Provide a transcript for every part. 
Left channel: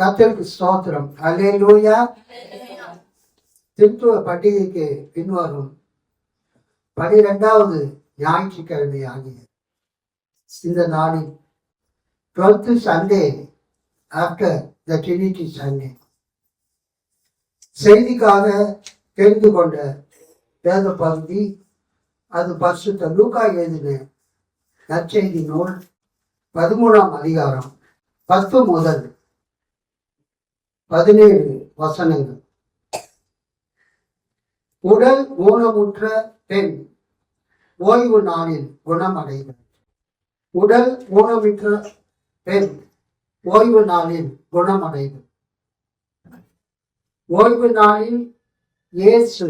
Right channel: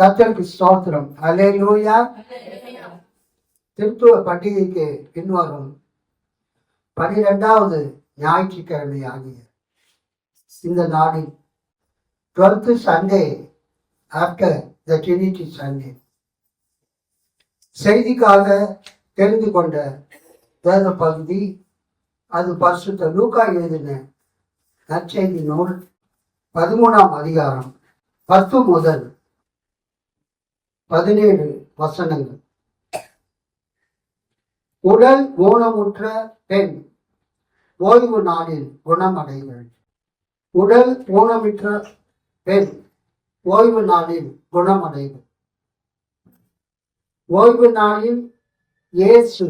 கர்த்தருக்கு ஸ்தோத்திரம். அல்லேலூயா. திருத்துவ பண்டிகைக்கு பின்வரும் 12வது ஞாயிற்றுக்கிழமை ஆகிய இந்த நாளில் 12th Sunday after the Trinity Sunday செய்திக்காக தெரிந்து கொண்ட வேத பகுதி அது பரிசுத்த லூக்கா எழுதின நற்செய்தி நூல் 13ஆம் அதிகாரம் 10 முதல் 17 வசனங்கள். உடல் ஊனமுற்ற பெண் ஓய்வு நாளில் குணமடைதல். உடல் ஊனமுற்ற பெண் ஓய்வு நாளில் குணமடைதல். ஓய்வு நாளில் இயேசு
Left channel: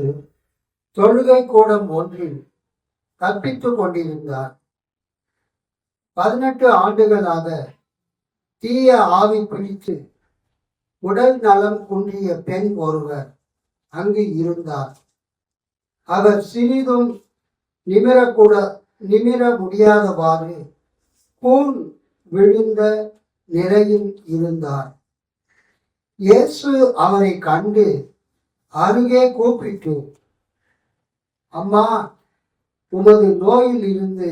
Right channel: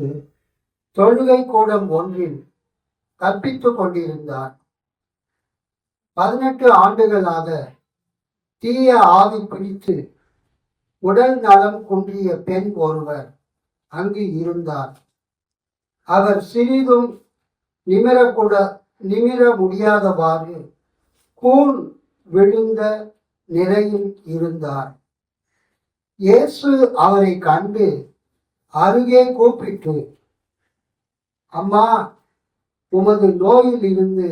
தொழுகை கூடம் ஒன்றில் கற்பித்துக் கொண்டிருந்தார். 18 ஆண்டுகளாக தீய ஆவி பிடித்து உடல் நலம் குன்றிய பெண் ஒருவர் அங்கு இருந்தார். அவர் சிறிதும் நிமிர முடியாதவாறு கூன் விழுந்த நிலையில் இருந்தார். இயேசு அவரை கண்டு அருகே கூப்பிட்டு, அம்மா, உமது நோயில் இருந்து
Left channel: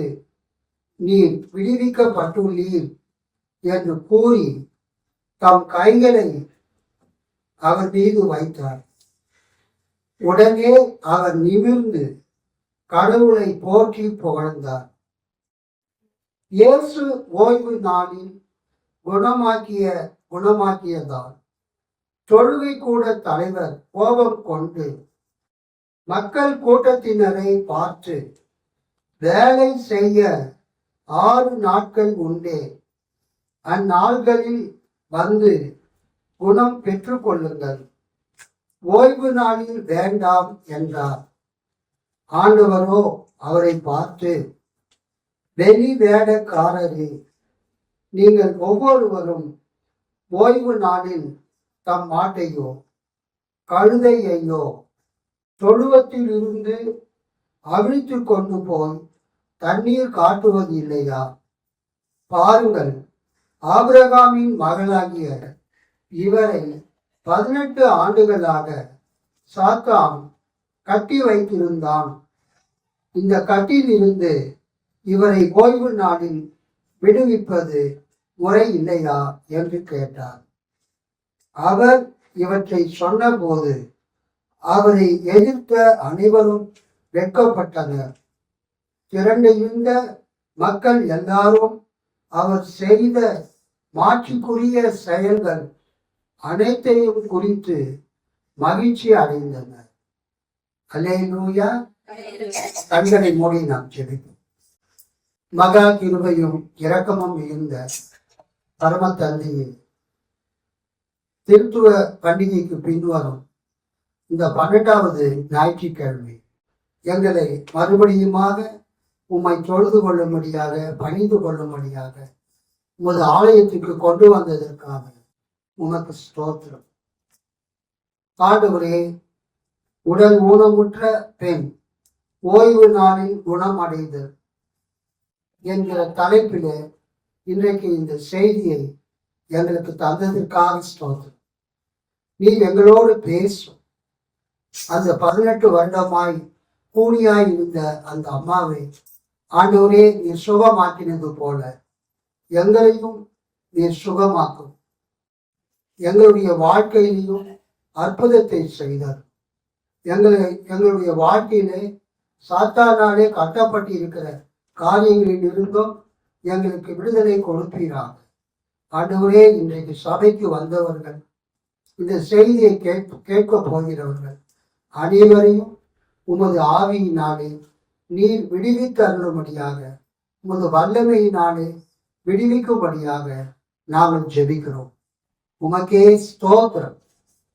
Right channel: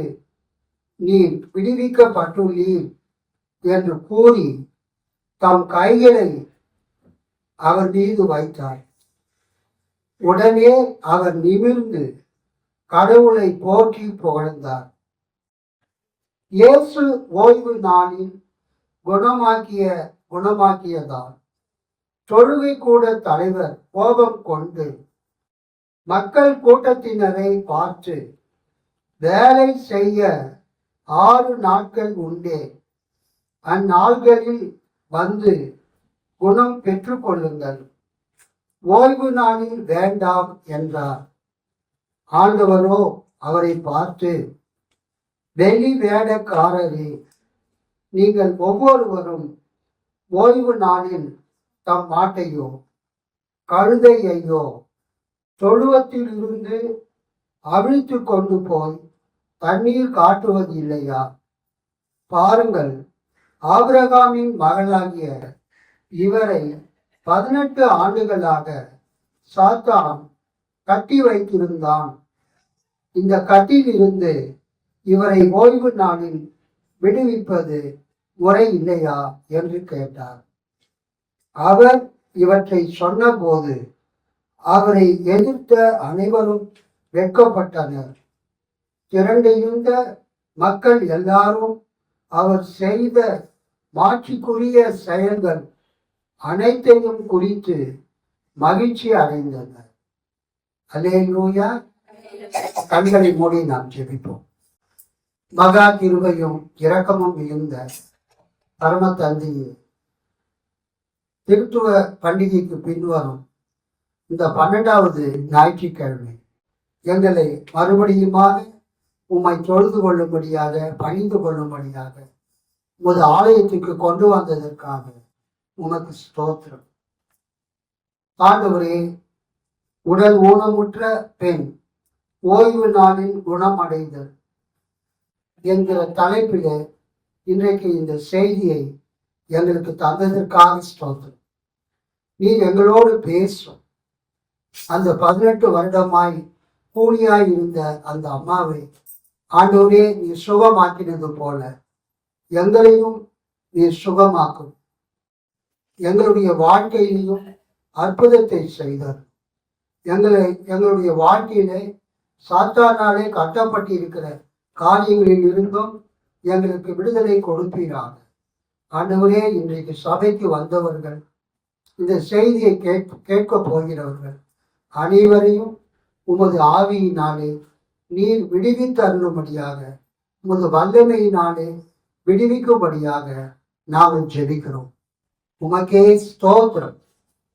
நீர் விடுவிக்கப்பட்டுள்ளீர் என்று கூறி தம் கைகளை அவர் மீது வைத்தார். உடனே அவர் நிமிர்ந்து கடவுளை போற்றி புகழ்ந்தார். இயேசு ஓய்வு நாளில் குணமாக்கியதால் தொழுகை கூட தலைவர் கோபம் கொண்டு மக்கள் கூட்டத்தினரை பார்த்து, வேலை செய்ய 6 நாட்கள் உண்டே, அந்நாள்களில் வந்து குணம் பெற்றுக் கொள்ளுங்கள், ஓய்வு நாளில் வேண்டாம் என்றார். ஆண்டவரோ அவரை பார்த்து, வெளி வேடக்காரரே, நீங்கள் ஒவ்வொருவரும் ஓய்வு நாளில் தம் மாட்டையோ கழுதையையோ தொழுவத்தில் இருந்து அவிழ்த்து கொண்டு போய் தண்ணீர் காட்டுவது இல்லையா? பாருங்கள், ஆபிரகாமின் மகனாகிய இவரை 18 ஆண்டுகளாக சாத்தான் கட்டி வைத்திருந்தான். இந்த கட்டிலிருந்து இவரை ஓய்வு நாளில் விடுவிப்பது முறை இல்லையா என்று கேட்டார். அவர் இவற்றை சொன்னபோது அவரை எதிர்த்த அனைவரும் வெட்கப்பட்டனர். திரண்டிருந்த மக்கள் எல்லாரும் அவர் செய்த மாட்சிக்குரிய செயல்கள் அனைத்தையும் குறித்து மகிழ்ச்சி அடைந்தனர். அல்லேலூயா. கண்களை மூடி நாம் ஜெபிப்போம். மகா கிருபையும் இரக்கமும் மிகுந்த பரம தந்தையே, திருத்துவ பண்டிகைக்கு பின்வரும் இந்த 12வது ஞாயிற்றுக்கிழமை எங்களை மறுபடியுமாக உம்மை தொழுது கொள்ளும்படியாக, பணிந்து கொள்ளும்படியாக உமது ஆலயத்துக்கு கொண்டு வந்ததற்காக உனக்கு ஸ்தோத்திரம். ஆண்டவரே, உடல் ஊனமுற்ற பெண் ஓய்வு நாளில் குணமடைதல் என்கிற தலைப்பில் இன்றைக்கு இந்த செய்தியை எங்களுக்கு தந்ததற்காக ஸ்தோத்திரம். நீ எங்களோடு பேசும். அந்த 18 வருடமாய் கூனியாய் இருந்த அந்த அம்மாவை ஆண்டவரே நீர் சுகமாக்கினது போல எங்களையும் நீர் சுகமாக்கும். எங்களுடைய வாழ்க்கையிலையும் அற்புதத்தை செய்தார். எங்களுடைய வாழ்க்கையிலே சாத்தானாலே கட்டப்பட்டு இருக்கிற காரியங்களில் இருந்தும் எங்களுக்கு விடுதலை கொடுப்பீராக. ஆண்டவரே, இன்றைக்கு சபைக்கு வந்தவர்கள், இந்த செய்தியை கேட்க போகிறவர்கள் அனைவரையும் உமது ஆவியினாலே நீர் விடுவித்து அருளும்படியாக, உமது வல்லமையினாலே விடுவிக்கும்படியாக நாங்கள் ஜெபிக்கிறோம். உமக்கே ஸ்தோத்திரம்.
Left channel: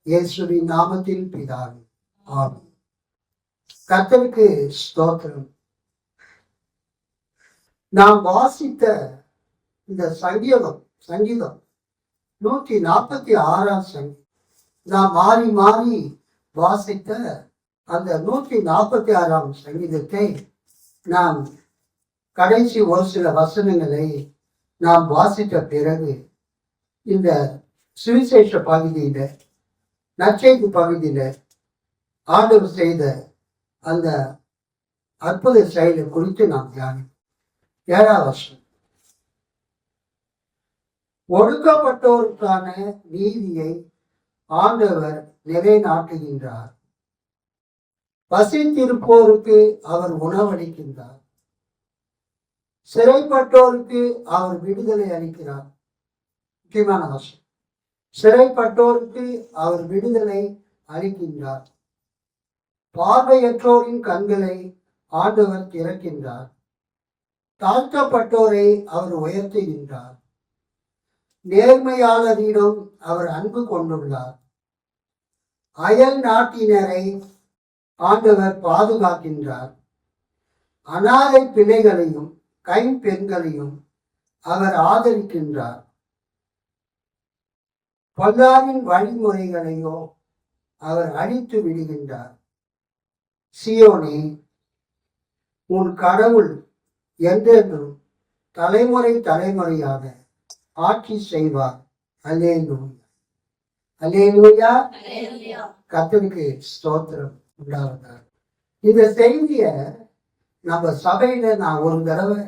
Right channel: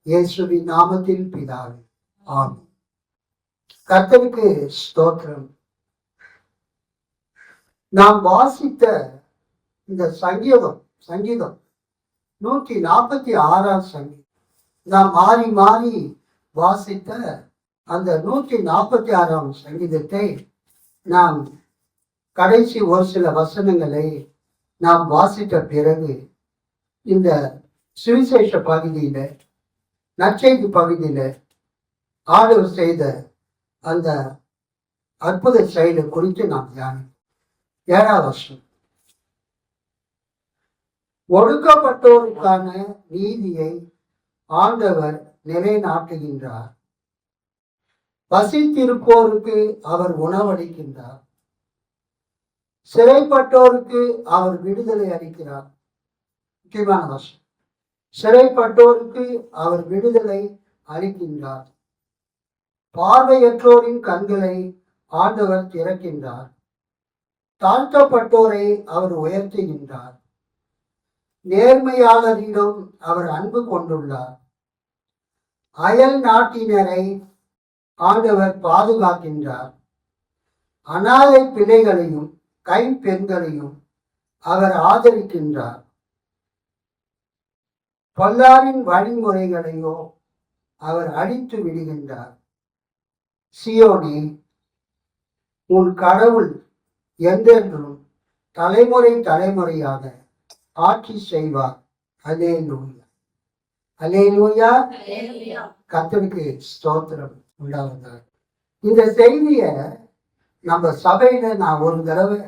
இயேசுவின் நாமத்தில் பிதாவே, ஆமென். கர்த்தருக்கு ஸ்தோத்திரம். நாம் வாசித்த இந்த சங்கீதம் 146ஆம் சங்கீதம், நாம் மாறி மாறி வாசித்த அந்த 146ஆம் சங்கீதத்தை நாம் கடைசி ஒரு சில வசனங்களை நாம் வாசித்த பிறகு இந்த சுவிசேஷ பகுதியில, நற்செய்தி பகுதியில ஆண்டவர் செய்த அந்த அற்புத செயலை குறித்து நாம் தியானிப்போம். 7ஆம் வசனம். ஒடுக்கப்பட்டோருக்கான நீதியை ஆண்டவர் நிலைநாட்டுகின்றார். பசித்திருப்போருக்கு அவர் உணவளிக்கின்றார். சிறைப்பட்டோருக்கு அவர் விடுதலை அளிக்கிறார். முக்கியமான வசனம். சிறைப்பட்டோருக்கு அவர் விடுதலை அளிக்கின்றார். பார்வையற்றோரின் கண்களை ஆண்டவர் திறக்கின்றார். தாழ்த்தப்பட்டோரை அவர் உயர்த்துகின்றார். நேர்மையாளரிடம் அவர் அன்பு கொண்டுள்ளார். அயல் நாட்டினரை ஆண்டவர் பாதுகாக்கின்றார். அநாதை பிள்ளைகளையும் கைம்பெண்களையும் அவர் ஆதரிக்கின்றார். பொல்லாரின் வழிமுறைகளையோ அவர் அழித்து விடுகின்றார். சியோனே, உன் கடவுள் என்றென்றும் தலைமுறை தலைமுறையாக ஆட்சி செய்வார். அல்லேலூயா, அல்லேலூயா. கர்த்தருக்கு ஸ்தோத்திரம் உண்டாவதாக. இந்த செய்திய நம்ம சபையில நான் ஒரு தடவை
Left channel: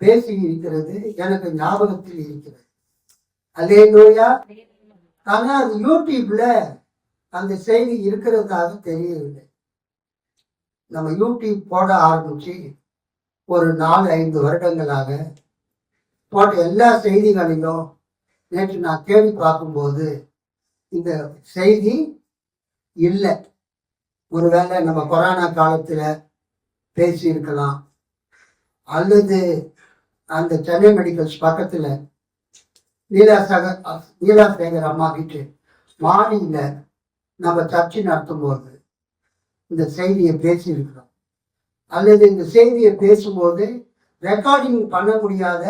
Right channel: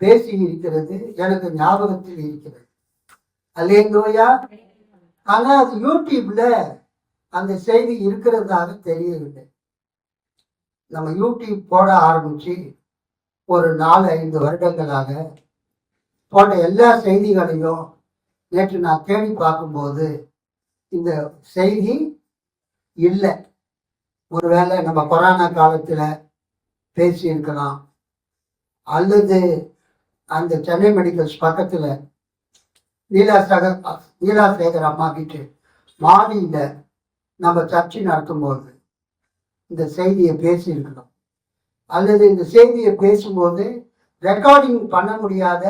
பேசி இருக்கிறது எனக்கு ஞாபகத்தில் இருக்கிறது. அல்லேலூயா. ஆனா அது யூடியூப்ல அந்த செய்தி இருக்கிறதாக தெரியவில்லை. நம்ம யூடியூப் போட ஆரம்பிச்சு ஒரு 4-5 வருடங்களாக போட்ட எல்லா செய்திகளையும் நேற்று நான் தேடி பார்க்கும்போது இந்த செய்தி இல்லை. ஒருவேளை நம்ம கொரோனா காலத்துல பேசியிருக்கலாம், அல்லது அந்த சென்னை மெடிக்கல்ஸ் பக்கத்துல நீலாசேகர் அம்மா வீட்டு மாடியில நம்ம சர்ச்சை நடத்தும் போது இந்த செய்தியை பேசியிருக்கிறோம், அல்லது இந்த செய்தியை பேசும்போது ரெக்கார்டிங் பண்ண முடியாத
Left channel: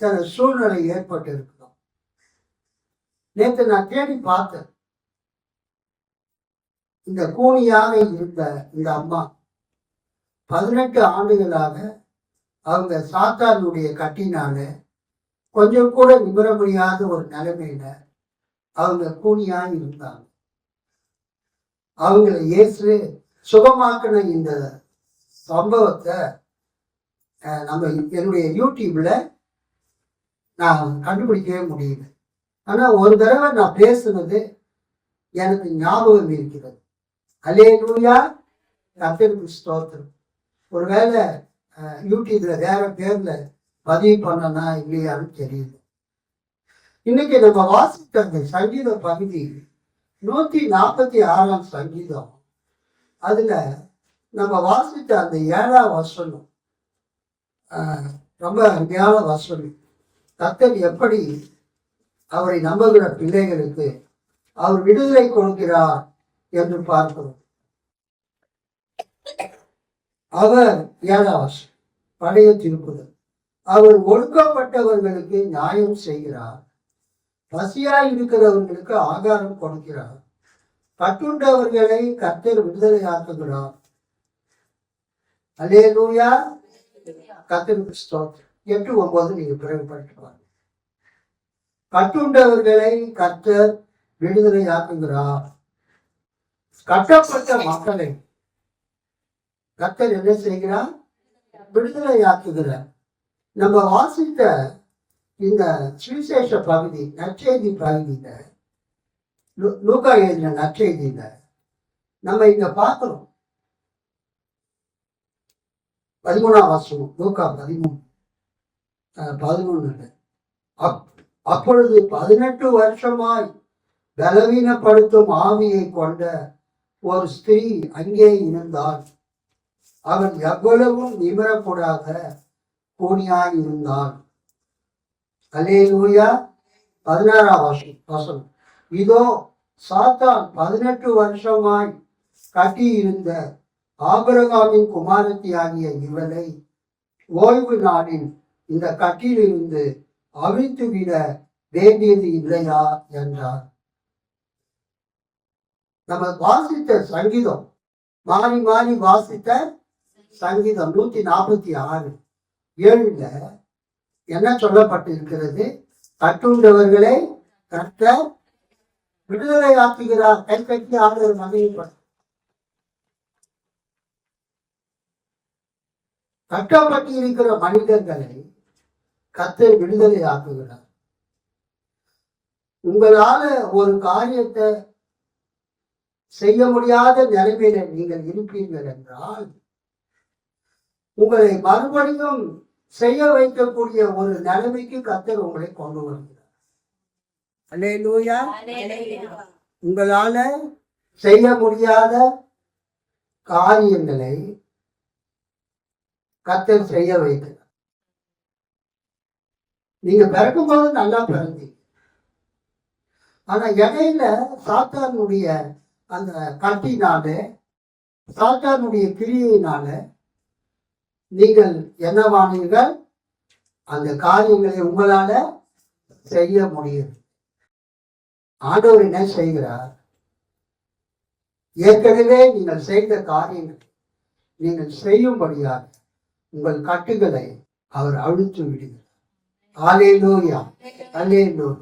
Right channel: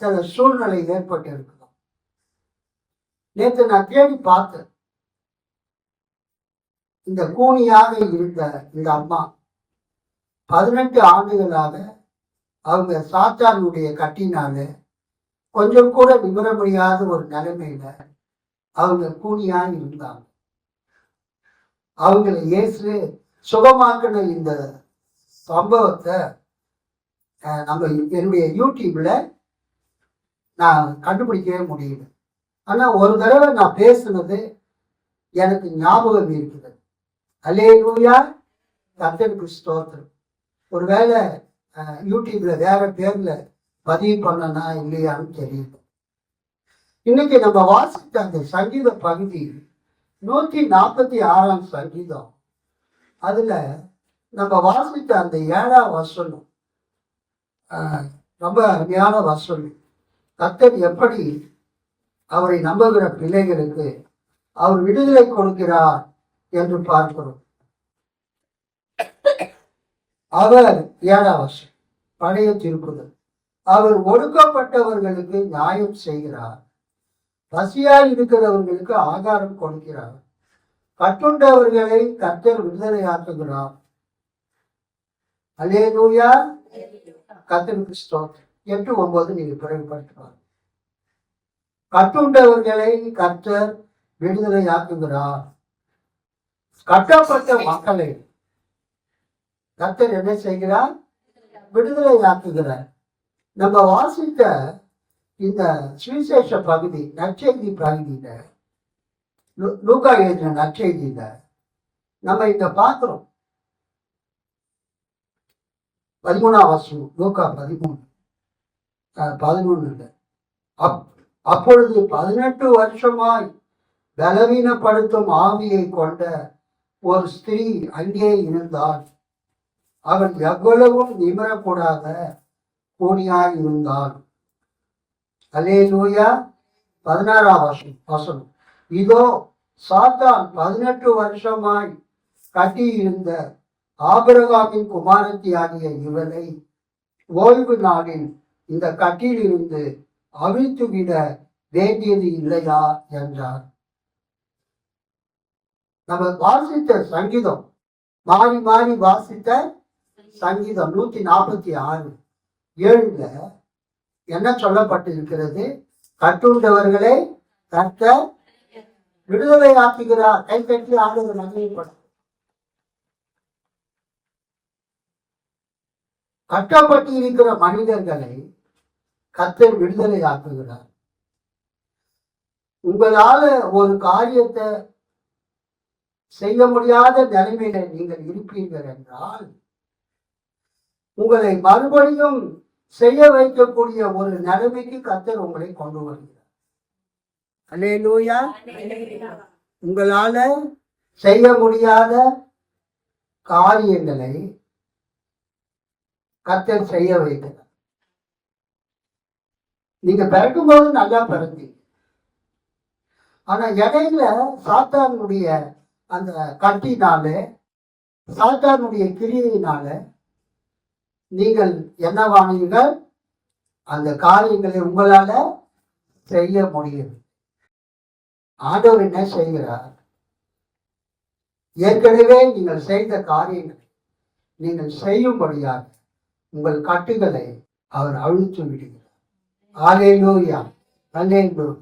சில சூழ்நிலை ஏற்பட்டு இருக்கிறோம். நேற்று நான் தேடி பார்த்தேன். இந்த கூனியாக இருந்த இந்த அம்மா 18 ஆண்டுகளாக அவங்க சாத்தானுடைய கட்டினால கொஞ்சம் கூட நிமிர முடியாத ஒரு நிலைமையில அவங்க கூனியாக இருந்தாங்க. அவங்களை இயேசு சுகமாக்கின இந்த சம்பவத்தை நம்ம என்னுடைய யூடியூப்ல நான் கண்டுபிடிக்கவே முடியல. ஆனா ஒரு தடவை நான் பேசுனது எனக்கு ஞாபகம் இருக்கிறது. அல்லேலூயா, கர்த்தருக்கு ஸ்தோத்திரம். ஒருவேளை யூடியூப்ல வேற பேர்ல பதிவு பண்ணனா இல்லையான்னு தெரியல. இன்னைக்கு நம்ம வாசித்த அந்த சங்கீத பகுதி 146ஆம் சங்கீதம். அதுல நம்ம வாசித்த அந்த 7ஆம் வசனம் ரொம்ப அருமையான வசனம். கர்த்தர் எப்படி அவரை நம்புகிற பிள்ளைகளுக்கு அவர் விடுதலை கொடுக்கிறார் என்று பார்க்கிறோம். அவர் 7ஆம் வசனம், பழைய திருக்குறள். அவர் ஒடுக்கப்பட்டவர்களுக்கு நியாயம் செய்கிறார். பசியாய் இருக்கிறவர்களுக்கு ஆகாரம் கொடுக்கிறார். கட்டுண்டவர்களை கர்த்தர் விடுதலையாக்குகிறார். அல்லேலூயா, கர்த்தருக்கு ஸ்தோத்திரம். 8-9 நீங்க பிறகு படிச்சுப்பாங்க. கட்டுண்டவர்களை கர்த்தர் விடுதலையாக்குகிறார். கட்டப்பட்ட மக்களை கர்த்தர் என்ன செய்கிறார்? விடுதலையாக்குகிறார். நம்ம வாசித்த இந்த சுவிசேஷ பகுதி, நற்செய்தி பகுதியில, லூக்கா எழுதின நற்செய்தியில நம்ம இங்க பார்க்கிறோம். 13ஆம் வசனம், லூக்கா 13 அப்பொழுது 18 வருஷமாய் பலவீனப்படுத்தும் ஆவியை கொண்ட ஒரு ஸ்திரீ அங்கே இருந்தாள். அவள் எவ்வளவும் நிமிரக்கூடாத கூனியாய் இருந்தாள். அல்லேலூயா. 16ஆம் வசனம். இதோ சாத்தான் 18 வருஷமாய் கட்டியிருந்த ஆபிரகாமின் குமாரத்தி ஆகிய இவளை ஓய்வு நாளில் இந்த கட்டிலிருந்து அவிழ்த்து விட வேண்டியது இல்லையா என்றார். நம்ம வாசித்த சங்கீதம், மாறி மாறி வாசித்த சங்கீதம் 146:7 என்ன சொல்லப்பட்டிருக்கிறது? கட்டுண்டவர்களை கர்த்தர் விடுதலை ஆக்குகிறார். கைப்பற்றி ஆளுநர் மகிழ்ப்படும். கட்டப்பட்டு இருக்கிற மனிதர்களை கர்த்தர் விடுதலை ஆக்குகிறார். உங்களால ஒரு காரியத்தை செய்ய முடியாத நிலைமையில நீங்கள் இருப்பீர்கள் என்றால் உங்களை மறுபடியும் செய்ய வைக்கக்கூடிய ஒரு நிலைமைக்கு கர்த்தர் உங்களை கொண்டு வருகிறார். அல்லேலூயா. உங்களால செய்ய முடியாத காரியங்களை கர்த்தர் செய்ய வைக்கிறார். நீங்க பிறக்கும் போது நல்லா பிறந்தீங்க. ஆனா இடையில சாத்தானுடைய அந்த கட்டினால, சாத்தானுடைய கிரியையினால நீங்கள் என்னவானீர்கள்? அந்த காரியங்களை உங்களால செய்ய முடியும். ஆண்டவர் என்ன செய்கிறார்? ஏற்கனவே நீங்கள் செய்த காரியங்களை நீங்கள் செய்யும்படியாக உங்கள் கட்டுகளை அவர் அழித்து விடுகிறார். அல்லேலூயா, அல்லேலூயா.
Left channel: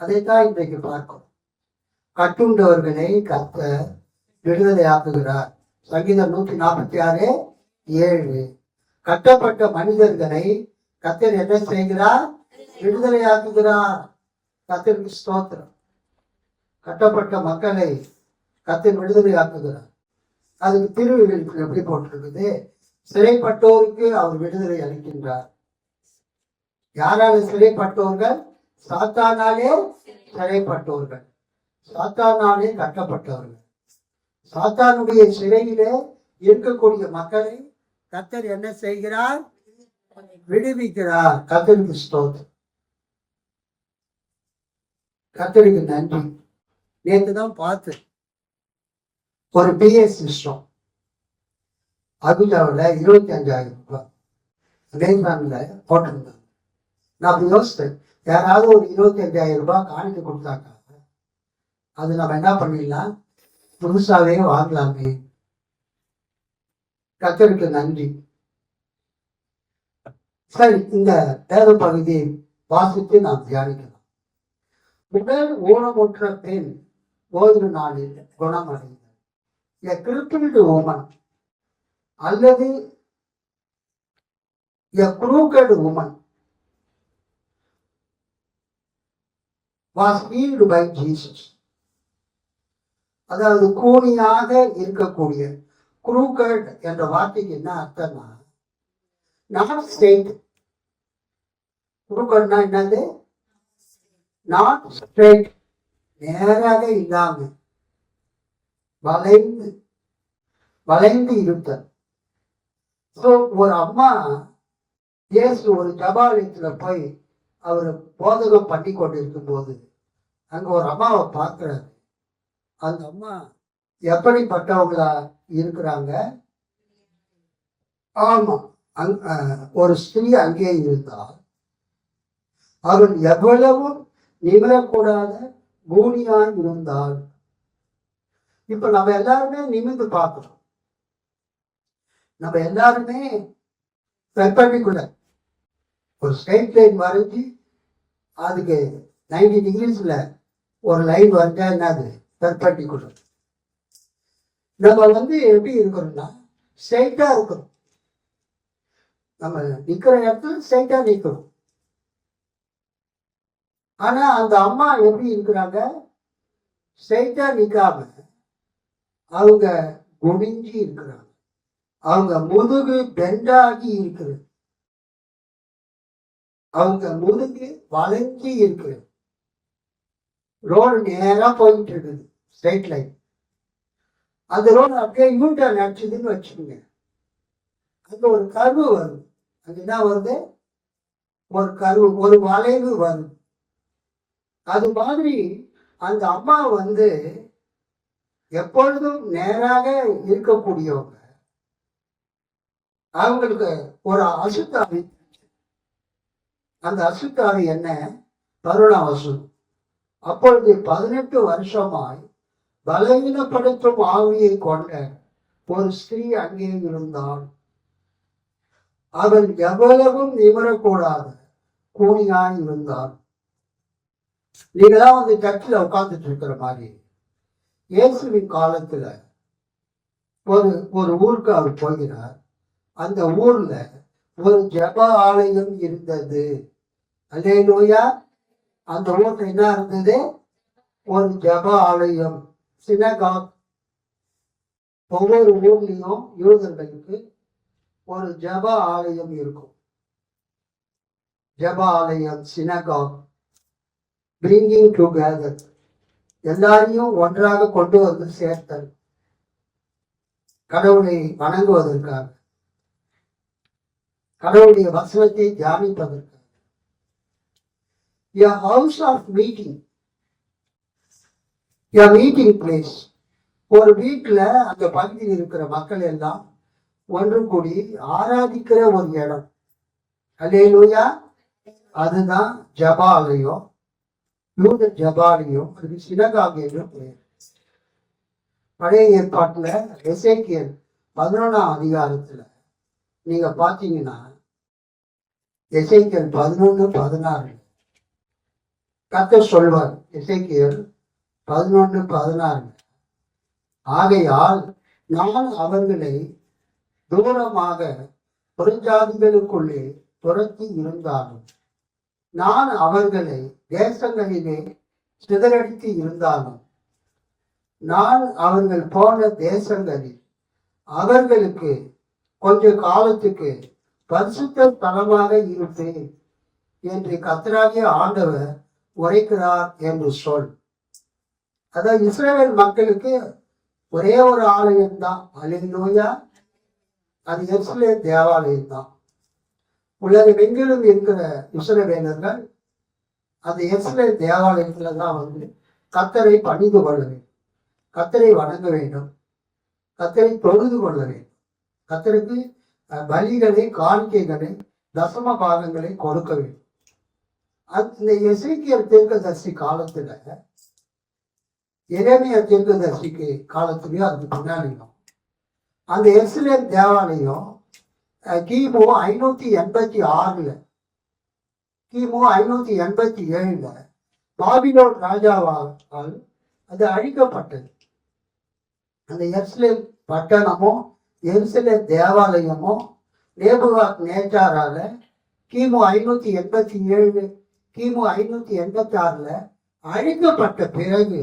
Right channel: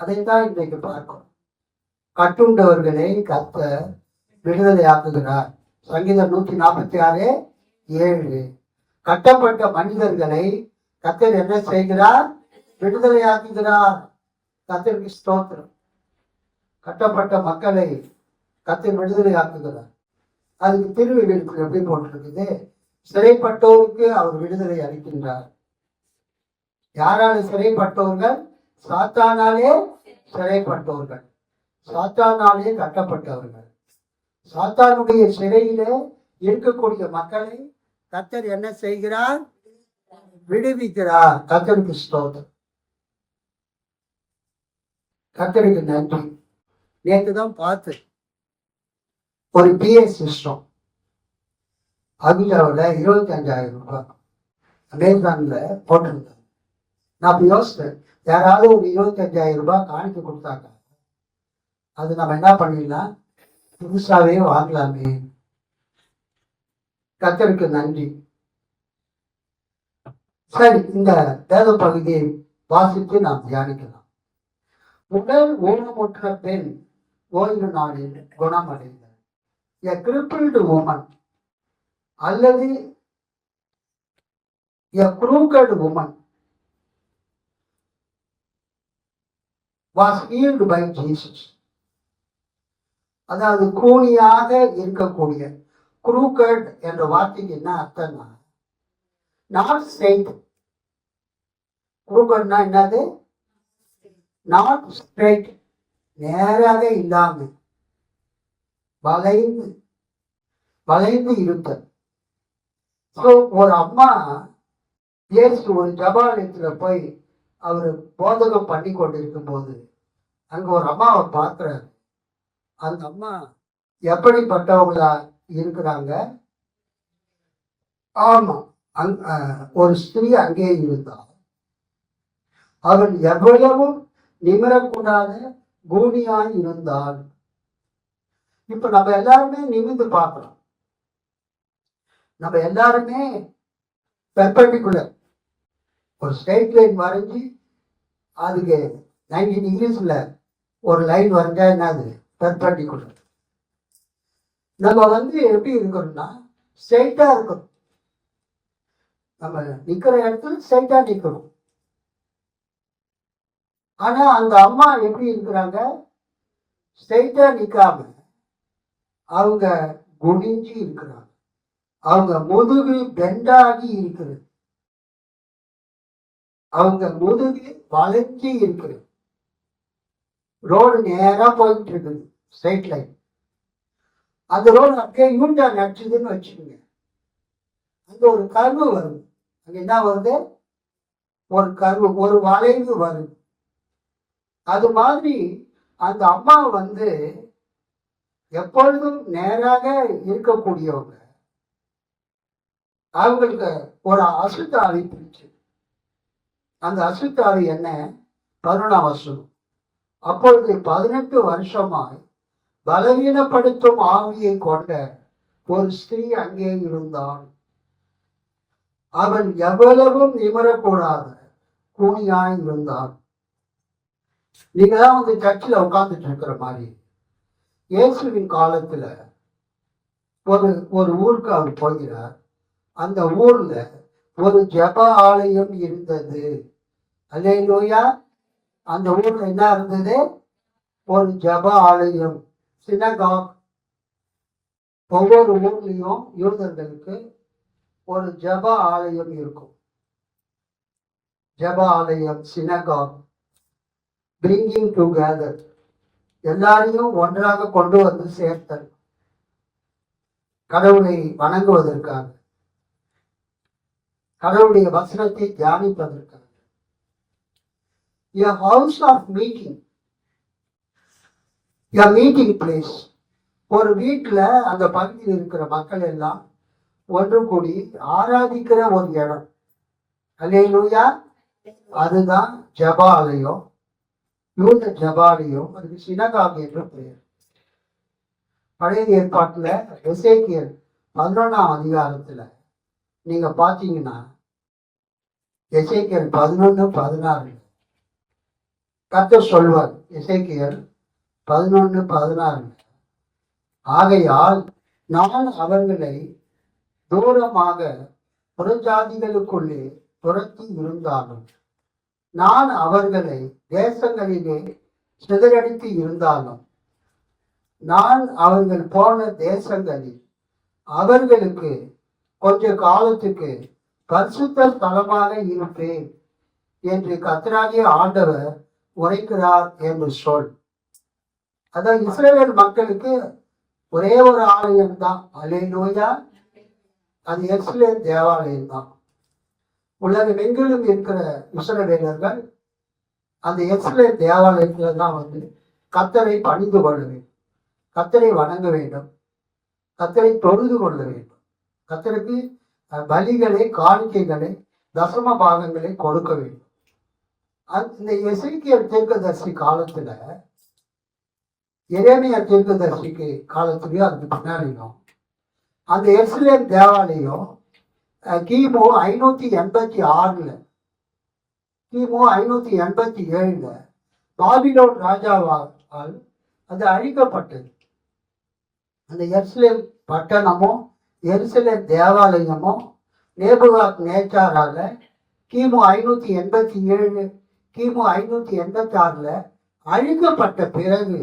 அதைத்தான் இன்றைக்கு பார்க்கிறோம். கட்டுண்டவர்களை கர்த்தர் விடுதலை ஆக்குகிறார். சங்கீதம் 146:7. கட்டப்பட்ட மனிதர்களை கர்த்தர் என்ன செய்கிறார்? விடுதலை ஆக்குகிறார். கர்த்தருக்கு ஸ்தோத்திரம். கட்டப்பட்ட மக்களை கர்த்தர் விடுதலை ஆக்குகிறார். அதுக்கு திருவிழிப்பு எப்படி போட்டிருக்குது? சிறைப்பட்டோருக்கு அவர் விடுதலை அளிக்கின்றார். யாரால சிறைப்பட்டவர்கள்? சாத்தானாலே சிறைப்பட்டவர்கள், சாத்தானாலே கட்டப்பட்டவர்கள். சாத்தானுடைய சிறையிலே இருக்கக்கூடிய மக்களை கர்த்தர் என்ன செய்கிறார்? விடுவிக்கிறார். கர்த்தருக்கு ஸ்தோத்திரம். கர்த்தருக்கு நன்றி. நேற்று தான் பார்த்து ஒரு பிஏ சிஸ்டம் அபிஜாவில் 25,000 ரூபாய் அமேசான்ல போட்டிருந்தாங்க. நான் யோசித்தேன், யாராவது ஒரு 25,000 ரூபாய் காணிக்க கொடுத்தாங்க, அது நம்ம என்ன பண்ணிடலாம்? புதுசாவே வாங்கலாமே. கர்த்தருக்கு நன்றி. சரி, இந்த வேத பகுதியை வாசித்து நாம் தியானிக்கலாம். உடல் ஊனமுற்ற பெண் ஓய்வு நாளில் குணமடைந்தார். A crippled woman அல்லது a crooked woman was healed by Jesus. அதாவது கூனியாக இருக்கக்கூடிய, crooked என்ற வார்த்தைக்கு என்ன அர்த்தம்னா நாட் ஸ்ட்ரெயிட். crooked என்னது? நாட் ஸ்ட்ரெயிட், நேராக இல்லாம வளைந்து வளைந்து இருத்தல். ஒரு அம்மா இயேசு ஒரு ஜபாலயத்துல போய் அவர் போதகம் பண்ணி கொண்டிருக்கும் போது அங்க ஒரு அம்மாவை பார்க்கிறாரு. அந்த அம்மா எப்படிப்பட்டவங்களா இருக்கிறாங்க? ஆமா, ஒரு ஸ்திரீ அங்கே இருந்தால் அவள் எவ்வளவும் நிமிரக்கூடாத கூனியாய் இருந்தாள். இப்ப நம்ம எல்லாருமே நிமிர்ந்து பார்க்கிறோம். நம்ம எல்லாருமே பெர்பெண்டிகுலர் ஒரு ஸ்ட்ரெயிட் லைன் வரைஞ்சி அதுக்கு 90 டிகிரிஸ்ல ஒரு லைன் வரைஞ்சா என்னது? பெர்பெண்டிகுலர். நம்ம எப்படி இருக்கணும்னா ஸ்ட்ரெயிட்டா இருக்கணும். நம்ம நிக்கிற இடத்துல ஸ்ட்ரெயிட்டா நிக்கணும். ஆனா அந்த அம்மா எப்படி இருக்கிறாங்க? ஸ்ட்ரெயிட்டா நிக்காம அவங்க குனிஞ்சி இருக்கிறாங்க. அவங்க முதுகு பெண்டாகி இருக்கிறது. அவங்க முதுகு வளைஞ்சி இருக்கிறது. ரோடு நேரா போயிட்டு இருக்குது, ஸ்ட்ரெயிட் லைன். அந்த ரோடு அப்படியே யூட்டர்ன் அடிச்சதுன்னு வச்சுக்கோங்க. அங்க ஒரு கர்வு வருது. அங்க என்ன வருது? ஒரு கர்வு, ஒரு வளைவு வருது. அது மாதிரி அந்த அம்மா எப்பொழுதும் நேராக இருக்கக்கூடியவங்க. அவங்களுக்கு ஒரு அசுத்தாவி பிடிச்சு. அந்த அசுத்தாவி என்ன? கருணாவசனம். அப்பொழுது 18 வருஷமாய் பலவீனப்படுத்தும் ஆவியை கொண்ட ஒரு ஸ்திரீ அங்கே இருந்தாள். அவள் எவ்வளவும் நிமிரக்கூடாத கூனியாய் இருந்தாள். நீங்க தான் வந்து சர்ச்சில் உட்கார்ந்துட்டு இருக்கிற மாதிரி இயேசுவின் காலத்துல ஒரு ஒரு ஊருக்கு அவர் போகிறார். அந்த ஊர்ல ஒரு ஜெப ஆலயம் இருந்தது. அல்லேலூயா. அந்த ஊர்ல என்ன இருந்தது? ஒரு ஜெப ஆலயம், சினகாக். ஒவ்வொரு ஊர்லயும் யூதர்களுக்கு ஒரு ஜெப ஆலயம் இருக்கும். ஜெப ஆலயம், சினகாக், பிரிங்கிங் டுகெதர், எல்லாரையும் ஒன்றாக கொண்டு வந்து சேர்த்தல், கடவுளை வணங்குவதற்காக, கடவுளுடைய வசனத்தை தியானிப்பதற்காக. A house of meeting, a meeting place. ஒரு வீட்டுல அந்த பகுதியில் இருக்கிற மக்கள் எல்லாம் ஒன்று கூடி ஆராதிக்கிற ஒரு இடம். அல்லேலூயா. அதுதான் ஜெபாலயம், யூத ஜெபாலயம். அதுக்கு சினகாக் என்று பெயர். பழைய ஏற்பாட்டுல எசேக்கியேல் 11ஆம் அதிகாரத்துல நீங்க பாத்தீங்கன்னா எசேக்கியேல் 11:16 கர்த்தர் சொல்வார். எசேக்கியேல் 11:16, ஆகையால் நான் அவர்களை தூரமாக புறஜாதிகளுக்குள்ளே துரத்தி இருந்தாலும், நான் அவர்களை தேசங்களிலே சிதறடித்து இருந்தாலும், நான் அவர்கள் போன தேசங்களில் அவர்களுக்கு கொஞ்ச காலத்துக்கு பரிசுத்த ஸ்தலமாக இருப்பேன் என்று கர்த்தராகிய ஆண்டவர் உரைக்கிறார் என்று சொல். அதான் இஸ்ரவேல் மக்களுக்கு ஒரே ஒரு ஆலயம் தான். அல்லேலூயா. அது எருசலேம் தேவாலயம் தான். உலகமெங்கிலும் இருக்கிற இஸ்ரவேலர்கள் அந்த எருசலேம் தேவாலயத்துல தான் வந்து கர்த்தரை பணிந்து கொள்ள வேண்டும், கர்த்தரை வணங்க வேண்டும், கர்த்தரை தொழுது கொள்ள வேண்டும், கர்த்தருக்கு பலிகளை, காணிக்கைகளை, தசம பாகங்களை கொடுக்க வேண்டும். இந்த எசேக்கியேல் தீர்க்கதரிசி காலத்துல, எரேமியா தீர்க்கதரிசிக்கு காலத்துலயும் அதுக்கு பின்னாடியும் அந்த எருசலேம் தேவாலயம் கிமு 586 கிமு 587 பாபிலோன் ராஜாவால் அது அழிக்கப்பட்டது. அந்த எருசலேம் பட்டணமும் எருசலேம் தேவாலயமும் நேபுகாத் நேச்சாரால கிமு 587 கிமு 586 அழிக்கப்பட்ட பிறகு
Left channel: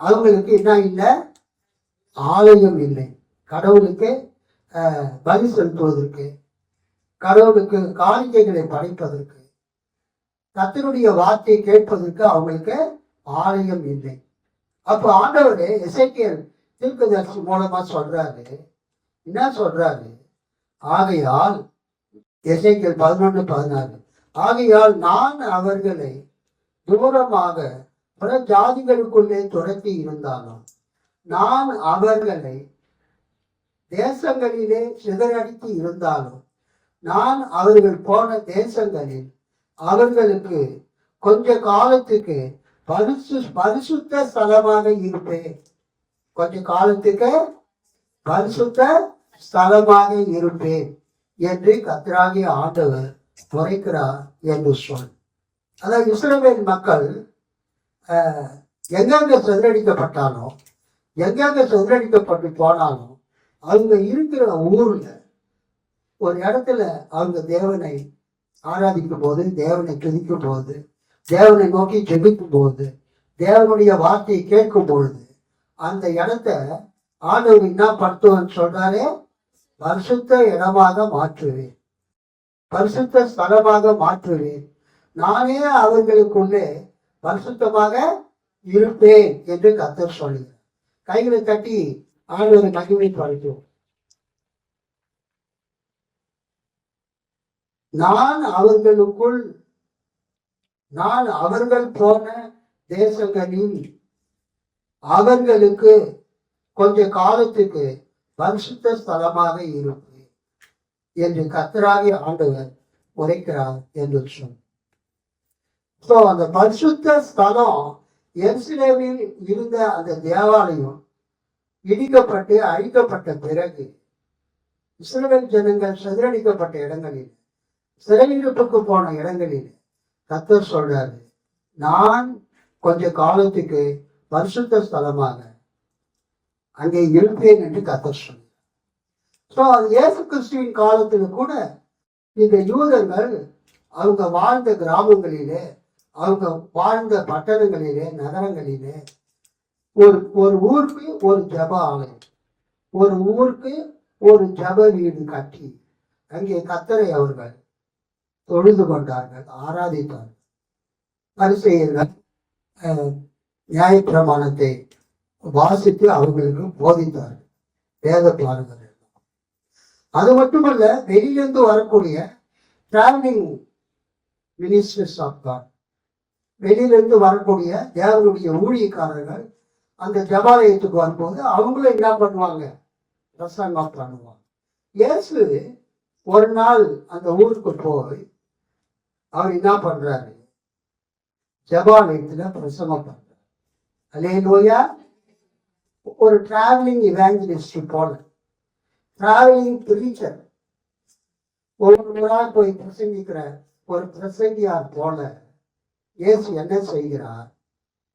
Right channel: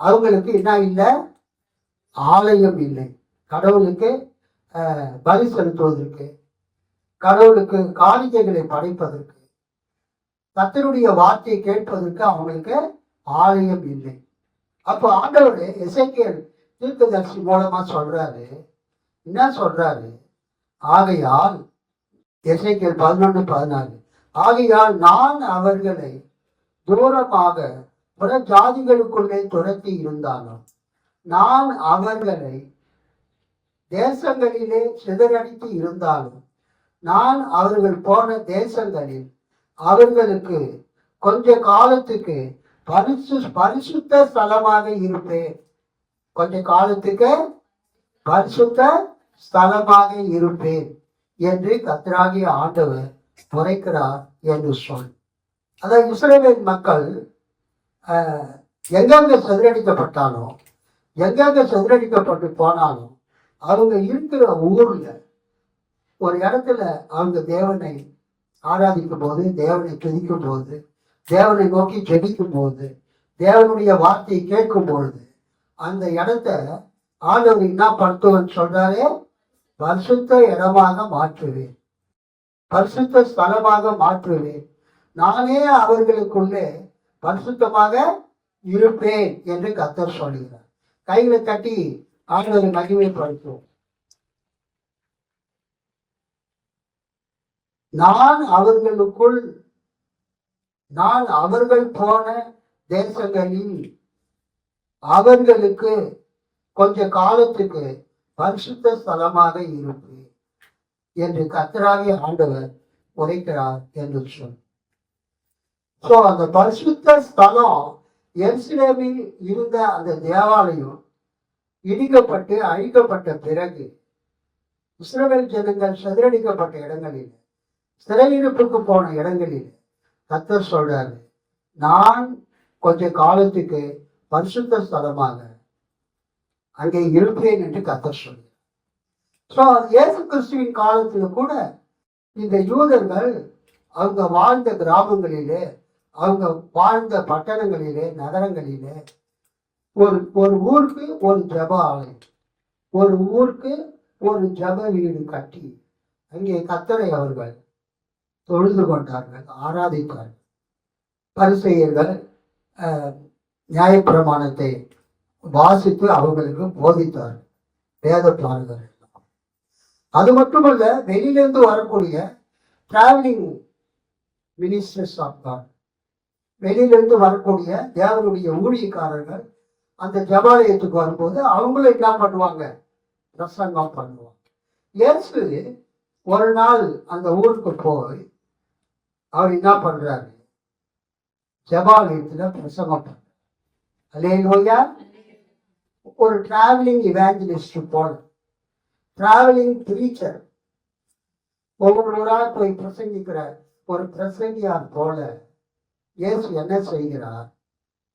அவங்களுக்கு என்ன இல்லை? ஆலயம் இல்லை. கடவுளுக்கு பலி செலுத்துவதற்கு, கடவுளுக்கு காணிக்கைகளை படைப்பதற்கு, கர்த்தருடைய வார்த்தையை கேட்பதற்கு அவங்களுக்கு ஆலயம் இல்லை. அப்போ ஆண்டவர் எசேக்கியேல் தீர்க்கதரிசி மூலமா சொல்றாரு. என்ன சொல்றாரு? ஆகையால் எசேக்கியேல் 11:14, ஆகையால் நான் அவர்களை தூரமாக புற ஜாதிகளுக்குள்ளே துரத்தி இருந்தாலும், நான் அவர்களை தேசங்களிலே சிதறடித்து இருந்தாலும், நான் அவர்கள் போன தேசங்களில் அவர்களுக்கு கொஞ்ச காலத்துக்கு பரிசுத்த ஸ்தலமாக இருப்பேன். கொஞ்ச காலத்துக்கு பரிசுத்த ஸ்தலமாக இருப்பேன் என்று கர்த்தராகிய ஆண்டவர் உரைக்கிறார் என்று சொல். அதாவது இஸ்ரவேல் மக்கள் எங்கெங்க சிதறடிக்கப்பட்டாலும், எங்கெங்க சிதறடிக்கப்பட்டு போனாலும், அவங்க இருக்கிற ஊர்ல ஒரு இடத்துல அவங்க தேவனை ஆராதிக்கும் போது, தேவனை துதிக்கும் போது, தேவனை நோக்கி ஜெபிக்கும் போது, தேவனுடைய வார்த்தையை கேட்கும் பொழுது, அந்த இடத்த ஆண்டவர் என்ன படுத்துவன்னு சொல்றாரே, பரிசுத்த இடமாக மாற்றுவேன், பரிசுத்த ஸ்தலமாக மாற்றுவேன், நானே அவர்களுக்குள்ளே பரிசுத்தமாக இருப்பேன் என்று கர்த்தர் சொல்கிறார். கைகளை தட்டி ஆண்டவரை மகிமைப்படுத்துவோம். நான் அவர்கள் போன தேசங்களில் அவர்களுக்கு கொஞ்ச காலத்துக்கு பரிசுத்த ஸ்தலமாக இருப்பேன் என்று கர்த்தராகிய ஆண்டவர் உரைக்கிறார் என்று சொல். சோ அந்த பரிசுத்த ஸ்தலம் எருசலேமில் இருந்த அந்த தேவாலயம் இடிக்கப்பட்டு அழிக்கப்பட்ட பிறகு இஸ்ரவேல் ஜனங்கள் சிதறடிக்கப்பட்ட இடங்களில், சிறையிருப்புக்கு போன இடங்களில் கர்த்தர் சொல்றாரு, நான் கொஞ்ச காலத்துக்கு பரிசுத்த ஸ்தலமாக அங்கே இருப்பேன் என்று கர்த்தர் சொன்னார். ஸோ இயேசு கிறிஸ்துவின் காலத்துல கூட இந்த யூதர்கள் அவங்க வாழ்ந்த கிராமங்களிலே, அவங்க வாழ்ந்த பட்டணங்களிலே, நகரங்களிலே ஒரு ஒரு ஊருக்கு ஒரு ஜப ஆலயம், ஒரு ஊருக்கு ஒரு ஜப வீடு கட்டி அங்கே கர்த்தரை அவர்கள் தொழுது கொண்டார்கள், ஆராதித்தார்கள். பரிசேயர்கள் நியாயப்பிரமாணத்தை வாசித்து அவங்களுக்கு போதித்தார்கள், வேத பாருங்கள். அது மட்டுமல்ல, வெளியிலிருந்து வரக்கூடிய டிராவலிங் மினிஸ்டர்ஸ் ஆஃப் காட், வெளியிலிருந்து வரக்கூடிய தேவனுடைய ஊழியக்காரர்கள் அந்த ஜபாலயத்துக்கு வரும்போது அவங்களும் என்ன பண்ணுவாங்க, பிரசங்கம் பண்ணுவாங்க. இயேசு ஒரு நாள் அந்த ஊருக்கு போய் அவர் என்ன பண்றாரு, ஜபாலயத்துல பிரசங்கம் பண்றாரு. அல்லேலூயா. ஒரு டிராவலிங் இவாஞ்சலிஸ்ட் போல, டிராவலிங் பிரீச்சர், ஒவ்வொரு நாள் போய் பிரசங்கிக்கிற ஒரு பிரசங்கியார் போல இயேசு என்ன செய்கிறார்,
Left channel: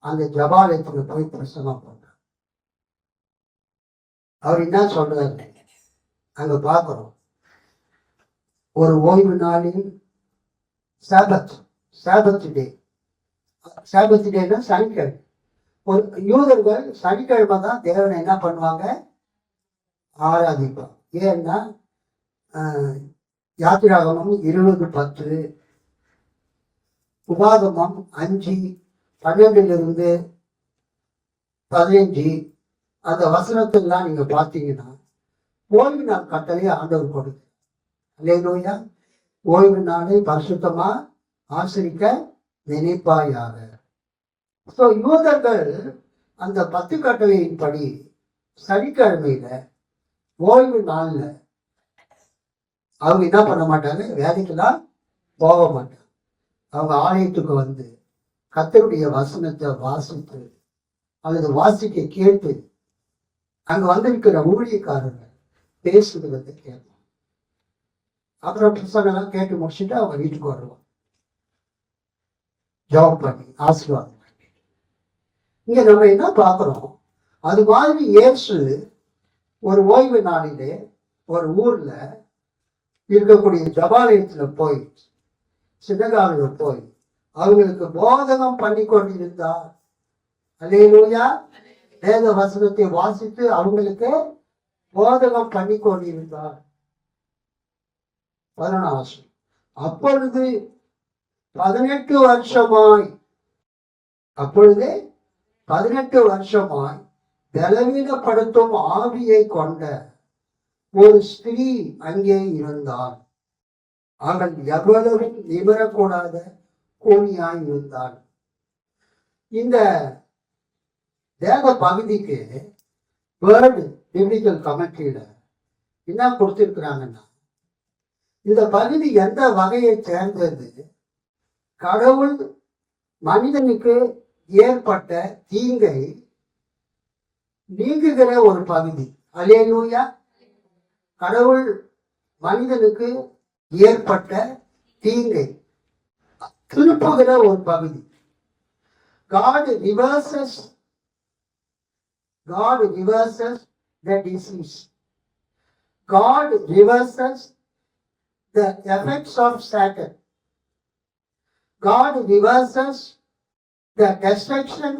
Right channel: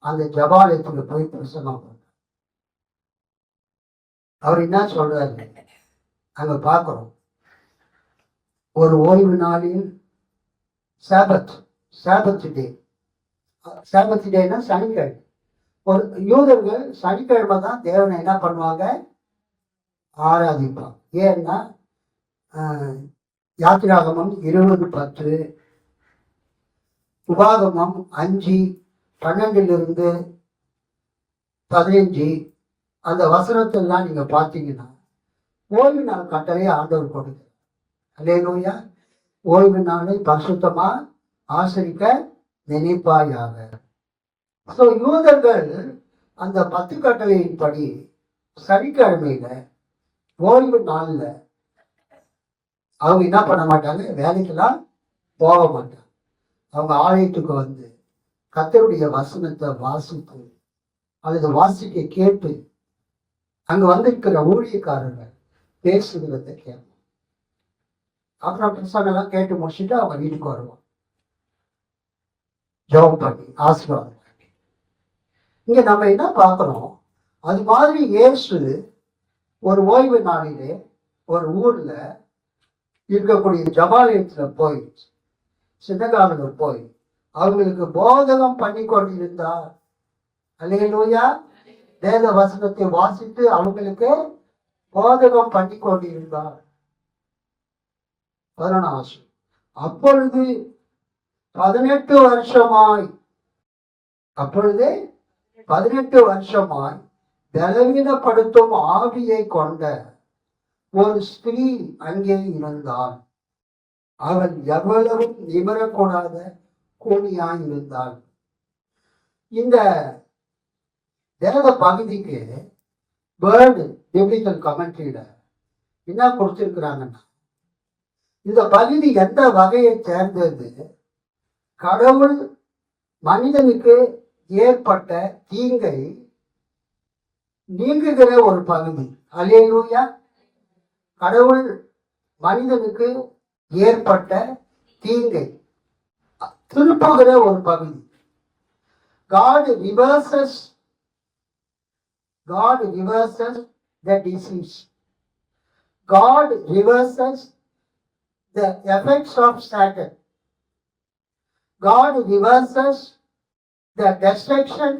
அந்த ஜபாலயத்துக்கு போய் பிரசங்கம் பண்றார். அவர் என்ன சொல்றாரு அங்க பார்க்கிறோம். ஒரு ஓய்வு நாளில் சாபத், சாபத் டே, சாபத் டேன்னா சனிக்கிழமை. ஒரு யூதர்கள் சனிக்கிழமை தான் தேவனை என்ன பண்ணுவாங்க, ஆராதிப்பாங்க. ஏன்னா யாத்திராகமம் 20:10, உபாகமம் 5:12-15 அந்த வசனத்தெல்லாம் நீங்க பார்த்தீங்கன்னா ஓய்வு நாள் கட்டளையை ஆண்டவர் கொடுக்கு. அல்லேலூயா. ஓய்வு நாளை பரிசுத்தமா ஆசரிக்க நினைப்பாயாக. ஸோ யூதர்கள் அந்த 10 கட்டளையின்படி சனிக்கிழமையில ஓய்வு நாள்ல அவங்க என்ன பண்ண மாட்டாங்க, வேலைக்கெல்லாம் போக மாட்டாங்க. அவங்க ஆலயத்துக்கு வந்து கர்த்தருடைய வசனத்தை வாசித்து அல்லது வாசிக்க கேட்டு அங்க வந்திருக்கிற ஊழியக்காரர்கள் பேசுகிறத கேட்பாங்க. அப்புறம் பிரசங்கெல்லாம் கேட்டு முடிச்சுட்டு அவங்க வீட்டுக்கு வருவாங்க, ஜெபம் பண்ணி ஆசீர்வாதம். இங்க நம்ம என்ன பார்க்கிறோம், அது மாதிரி இயேசு ஒரு ஓய்வு நாளிலே ஒரு ஊர்ல இருக்கக்கூடிய ஜபாலயத்துல போய், சின்னகாலுல போய் அவங்களுக்கு போதகம் பண்ணி கொண்டிருந்தார். அல்லேலூயா. வேத வசனத்தை வாசித்து அவங்களுக்கு போதகம் பண்ணி கொண்டிருந்தார். 14. அப்பொழுது 18 வருஷமாய், அப்பொழுதே 18 வருஷமாய் பலவீனப்படுத்தும் ஆவியை கொண்ட ஒரு ஸ்திரீ அங்கே இருந்தாள். அவள் எவ்வளவும் நிமிரக்கூடாத கூனியாய் இருந்தாள். இந்த வேத பகுதிக்கு வேர்டு பிப்ளிக்கல் கமெண்ட்ரியில என்ன கொடுத்திருக்கிறாங்கன்னா, இந்த பகுதி எந்த வகையை சேர்ந்தது, கடவுள் மனிதனுக்கு ஏற்பட்ட தீங்கை நீங்குகிற ஒரு பகுதி. அல்லேலூயா. கடவுள் மனிதனுக்கு ஏற்பட்ட தீங்கை திருப்புகிற ஒரு பகுதி. God reverses the disease. God reverses the effects of Satan. God reverses the destruction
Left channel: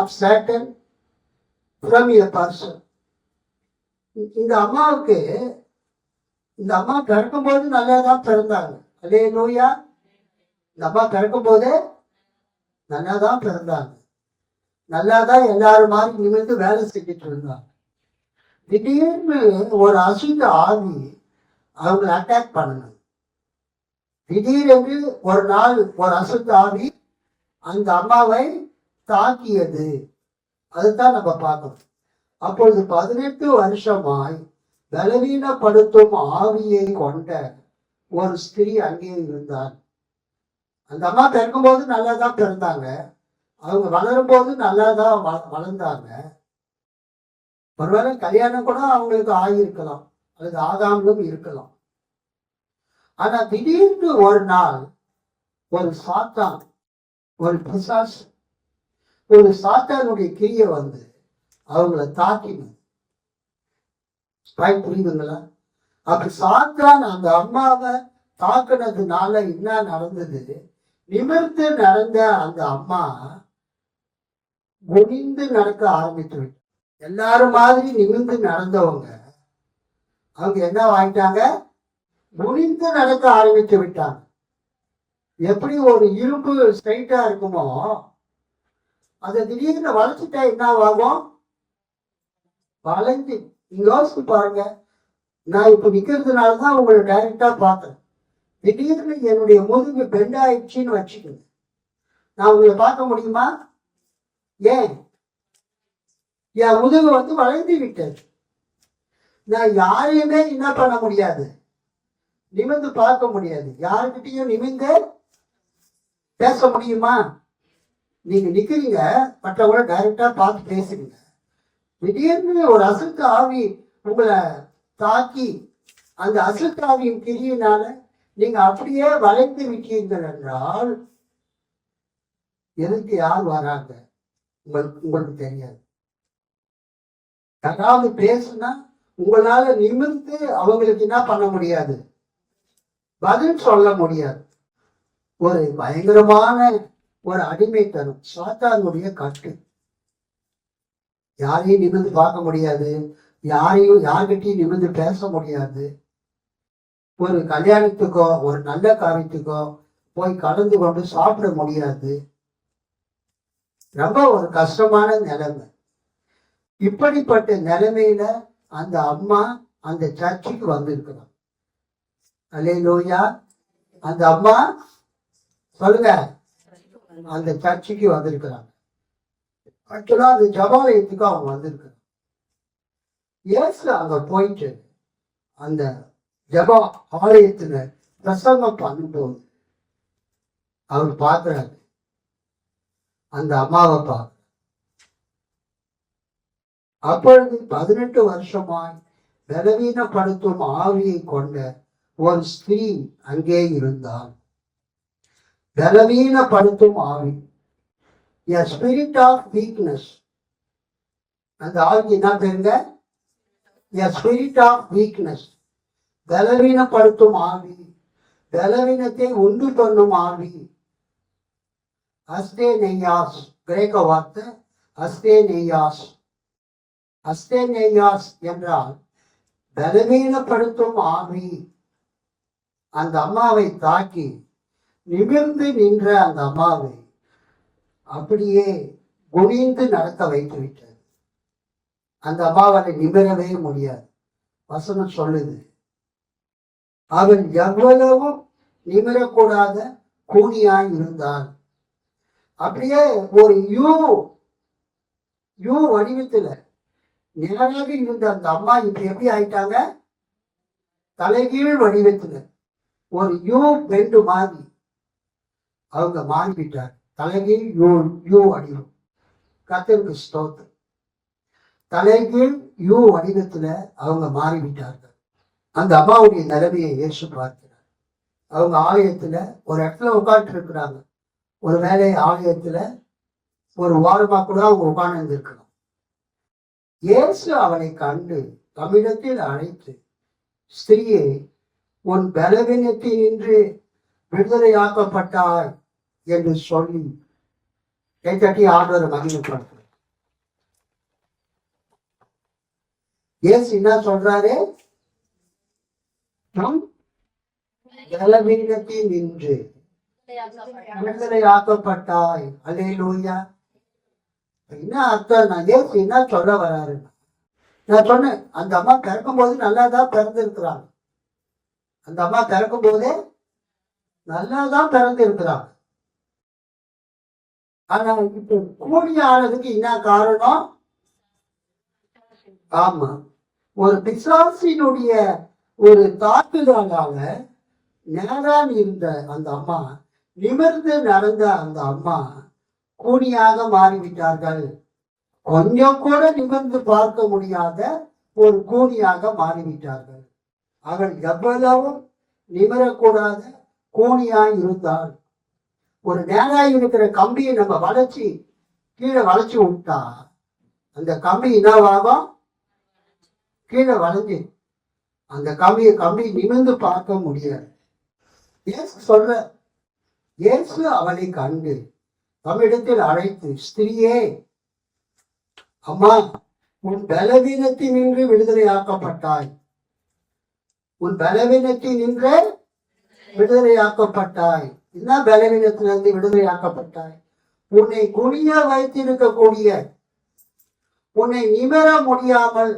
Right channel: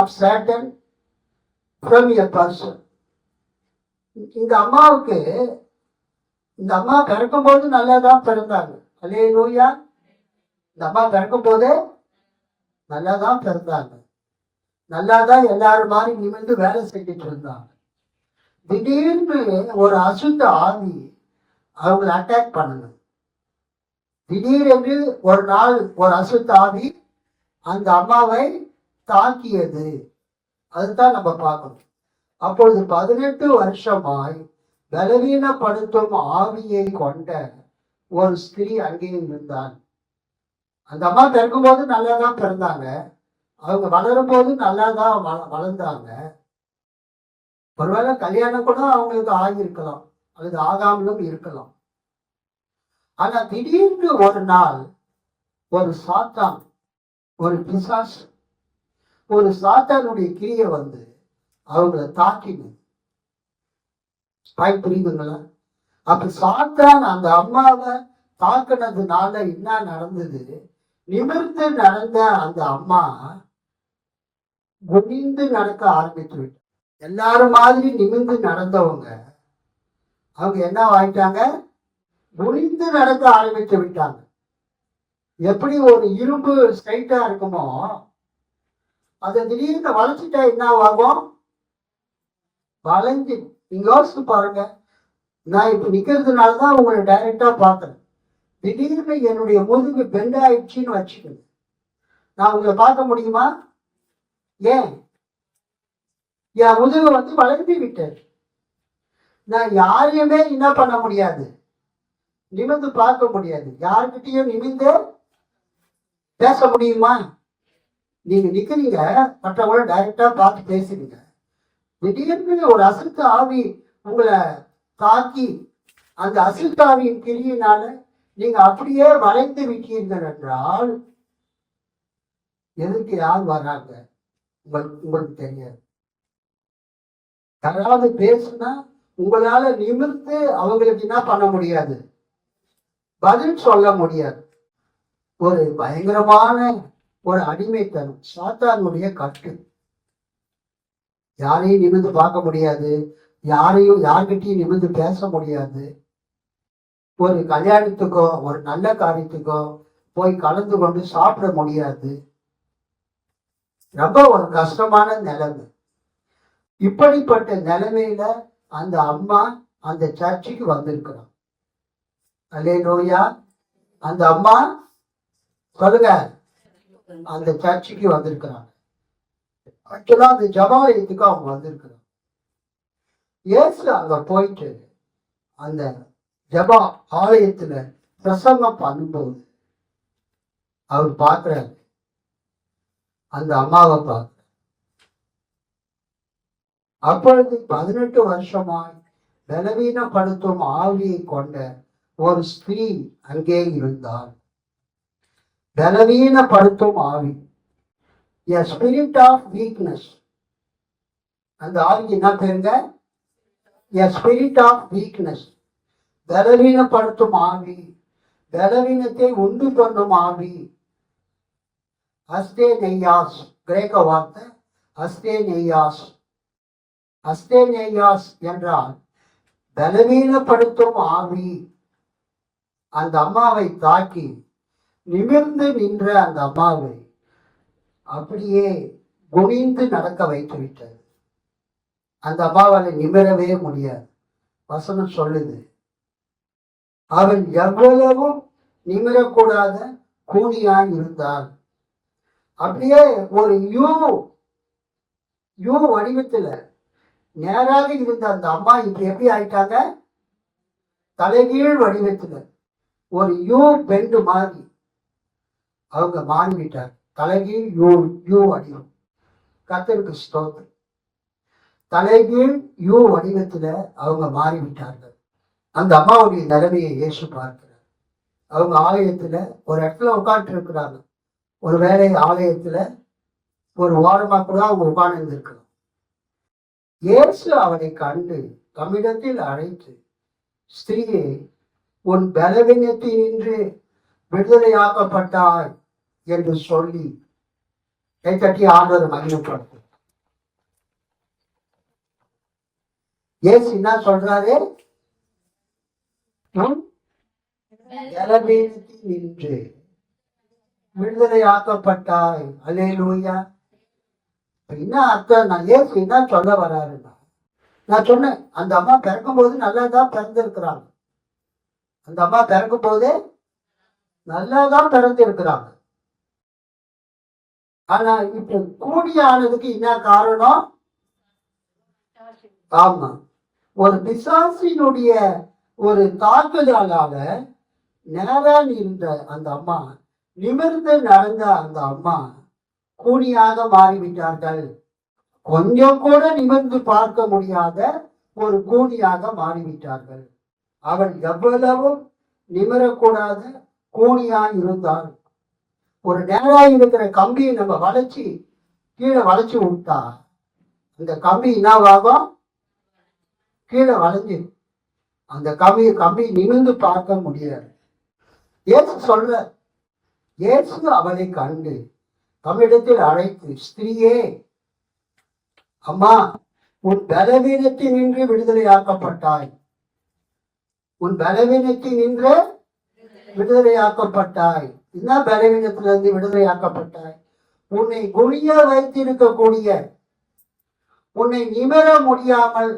of Satan from a person. இந்த அம்மாவுக்கு, இந்த அம்மா பிறக்கும் போது நல்லாதான் பிறந்தாங்க. அல்லேலூயா. இந்த அம்மா பிறக்கும் போது நல்லாதான் பிறந்தாங்க, நல்லாதான் எல்லாரும் மாதிரி நிமிர்ந்து வேலை செஞ்சுட்டு இருந்தாங்க. திடீர்னு ஒரு அசுத்த ஆவி அவங்களை அட்டாக் பண்ணணும். திடீரென்று ஒரு நாள் ஒரு அசுத்த ஆவி அந்த அம்மாவை தாக்கியது. அதுதான் நம்ம பார்க்கணும். அப்பொழுது 18 வருஷமாய் பலவீனப்படுத்தும் ஆவியை கொண்ட ஒரு ஸ்திரீ அங்கே இருந்தாள். அந்த அம்மா பிறக்கும் போது நல்லாதான் பிறந்தாங்க, அவங்க வளரும் போது நல்லாதான் வளர்ந்தாங்க. ஒருவேளை கல்யாணம் கூட அவங்களுக்கு ஆகியிருக்கலாம் அல்லது ஆகாமலும் இருக்கலாம். ஆனா திடீர்னு ஒரு நாள் ஒரு சாத்தான் ஒரு பிசாசு, ஒரு சாத்தானுடைய கிரியை வந்து அவங்கள தாக்கினது. புரியுதுங்களா? அப்ப சாத்தான் அந்த அம்மாவை தாக்குனதுனால என்ன நடந்தது? நிமிர்ந்து நடந்த அந்த அம்மா குனிந்து நடக்க ஆரம்பித்து விட்டார். எல்லாரும் மாதிரி நிமிர்ந்து நடந்தவங்க அவங்க என்ன ஆயிட்டாங்க? குனிந்து நடக்க ஆரம்பித்து விட்டாங்க. எப்படி ஒரு இரும்பு ஸ்ட்ரைட்டா இருக்குமோ அதை திடீர்னு வளைச்சிட்டா என்ன ஆகும்? வளைஞ்சு. நீங்க யோசிச்சு பாருங்க. நான் இப்ப நிக்கிறதுனாலதான் உங்களை டைரக்டா பார்த்தேன். திடீர்னு என்னுடைய முதுகு பெண்ட் ஆயிடுச்சுன்னு வச்சுக்கணும், நான் உங்களை பார்க்க முடியுமா? ஏன்? என் முதுகு வந்து வளைந்து விட்டது. நான் யாரையுமே என்ன பண்ண முடியாது, நிமிர்ந்து பார்க்க முடியாது. யாருக்கிட்டையும் நிமிர்ந்து பேச முடியுமா? நீங்க நிக்கிறீங்க, மற்றவங்கள டைரக்டா பார்த்து பேசுறீங்க. திடீர்னு ஒரு அசுத்த ஆவி உங்களை தாக்கி அந்த அசுத்த ஆவியின் கிரியினால நீங்க அப்படியே வளைந்து விட்டீர்கள் என்றால் எதுக்கு யார் வராங்க? உங்களுக்கு தெரியாது. யாராவது பேசுனா உங்களால நிமிர்ந்து அவங்களுக்கு என்ன பண்ண முடியாது, பதில் சொல்ல முடியாது. ஒரு பயங்கரமான ஒரு அடிமைத்தனம், சாத்தானுடைய கட்டு. யாரையும் நிமிர்ந்து பார்க்க முடியாது, யார்கிட்டையும் நிமிர்ந்து பேச முடியாது. ஒரு கல்யாணத்துக்கோ ஒரு நல்ல காரியத்துக்கோ போய் கலந்து கொண்டு சாப்பிட முடியாது. ரொம்ப ஒரு கஷ்டமான நிலைமை. இப்படிப்பட்ட நிலைமையில அந்த அம்மா அந்த சர்ச்சுக்கு வந்திருக்கிறோம். அல்லேலூயா. அந்த அம்மா சொல்லுங்க, அந்த சர்ச்சுக்கு வந்திருக்கிறாங்க. ஆக்சுவலா அந்த ஜபாலயத்துக்கு அவங்க வந்திருக்கிறாங்க. இயேசு அங்க போயிட்டு அந்த ஜபா ஆலயத்துல பிரசங்கம் பண்ணும்போது அவர் பார்க்கிறாரு, அந்த அம்மாவை பார்க்கிறார். அப்பொழுது 18 வருஷமாய் பலவீனப்படுத்தும் ஆவியை கொண்ட ஒரு ஸ்திரீ அங்கே இருந்தார். பலவீனப்படுத்தும் ஆவி, a spirit of weakness. அந்த ஆவிக்கு என்ன பேருங்க? a spirit of weakness. பலவீனப்படுத்தும் ஆவி, பலவீனத்தை உண்டு பண்ணும் ஆவி. அஸ்தே நெய்யாஸ், கிரேக்க வார்த்தை அஸ்தே நெய்யாஸ். அஸ்தே நெய்யாஸ் என்றால் பலவீனப்படுத்தும் ஆவி. அந்த அம்மாவை தாக்கி நிமிர்ந்து நின்ற அந்த அம்மாவை அப்படியே குனிந்து நடக்க வைத்து விட்டது. அந்த அம்மாவால் நிமிரவே முடியாது. வசனம் சொல்லுது, அவள் எவ்வளவும் நிமிரக்கூடாத கூனியாய் இருந்தாள். அப்படியே ஒரு யூ வடிவத்துல நேராக இருந்த அந்த அம்மா இப்ப எப்படி ஆயிட்டாங்க? தலைகீழ் வடிவத்துல ஒரு யூ பெண்டு மாதிரி அவங்க மாறிவிட்டார். தலைகீழ் யூ வடிவம். கர்த்தருக்கு ஸ்தோத்திரம். தலைகீழ் யூ வடிவத்துல அவங்க மாறிவிட்டார்கள். அந்த அம்மாவுடைய நிலைமையை இயேசு பார்க்கிறார். அவங்க ஆலயத்துல ஒரு இடத்துல உட்கார்ந்து இருக்கிறாங்க. ஒரு வேலை ஆலயத்துல ஒரு வாரமா கூட அவங்க உட்கார்ந்து இருந்திருக்கலாம். இயேசு அவனை கண்டு தம்மிடத்தில் அழைத்து, ஸ்திரீயே, உன் பலவீனத்தினின்று விடுதலையாக்கப்பட்டாய் என்று சொல்லி கைத்தட்டி ஆண்டவரை மகிமைப்படுத்து. இயேசு என்ன சொல்றாரு? பலவீனத்தில் நின்று விடுதலையாக்கப்பட்டாய். அல்லேலூயா. என்ன அர்த்தம்? நான் இயேசு என்ன சொல்ல வராருன்னா, நான் சொன்னேன், அந்த அம்மா பிறக்கும் போது நல்லா தான் பிறந்திருக்கிறாங்க. அந்த அம்மா பிறக்கும் போதே நல்லா தான் பிறந்திருக்கிறாங்க. ஆனா இப்ப கூடியானதுக்கு என்ன காரணம்? ஆமா, ஒரு பிசாசினுடைய ஒரு தாக்குதலால நேரான் இருந்த அந்த அம்மா, நிமிர்ந்து நடந்த அந்த அம்மா கூனியாக மாறிவிட்டார்கள். கொஞ்சம் கூட நிமிர்ந்து பார்க்க முடியாத ஒரு கூனியாக மாறிவிட்டார்கள். அவள் எவ்வளவும் நிமிரக்கூடாத கூனியாய் இருந்தாள். ஒரு நேராக இருக்கிற கம்பியை நம்ம வளைச்சி கீழே வளைச்சி விட்டா அந்த கம்பி என்னவாகும்? கீழே வளைஞ்சு அந்த கம்பி நிமிர்ந்து பார்க்க முடியாது. இயேசு சொல்ற, இயேசு அவளை கண்டு தம்மிடத்தில் அழைத்து, ஸ்திரீயே, அம்மா, உன் பலவீனத்தில் நின்று விடுதலையாக்கப்பட்டாய். உன் பலவீனத்தில் நின்று விடுதலையாக்கப்பட்டாய். என்ன பலவீனத்திலிருந்து விடுதலையாக்கப்பட்டாய்? உன்னை குனிய வைத்திருக்கக்கூடிய, உன்னை நிமிர முடியாமல்,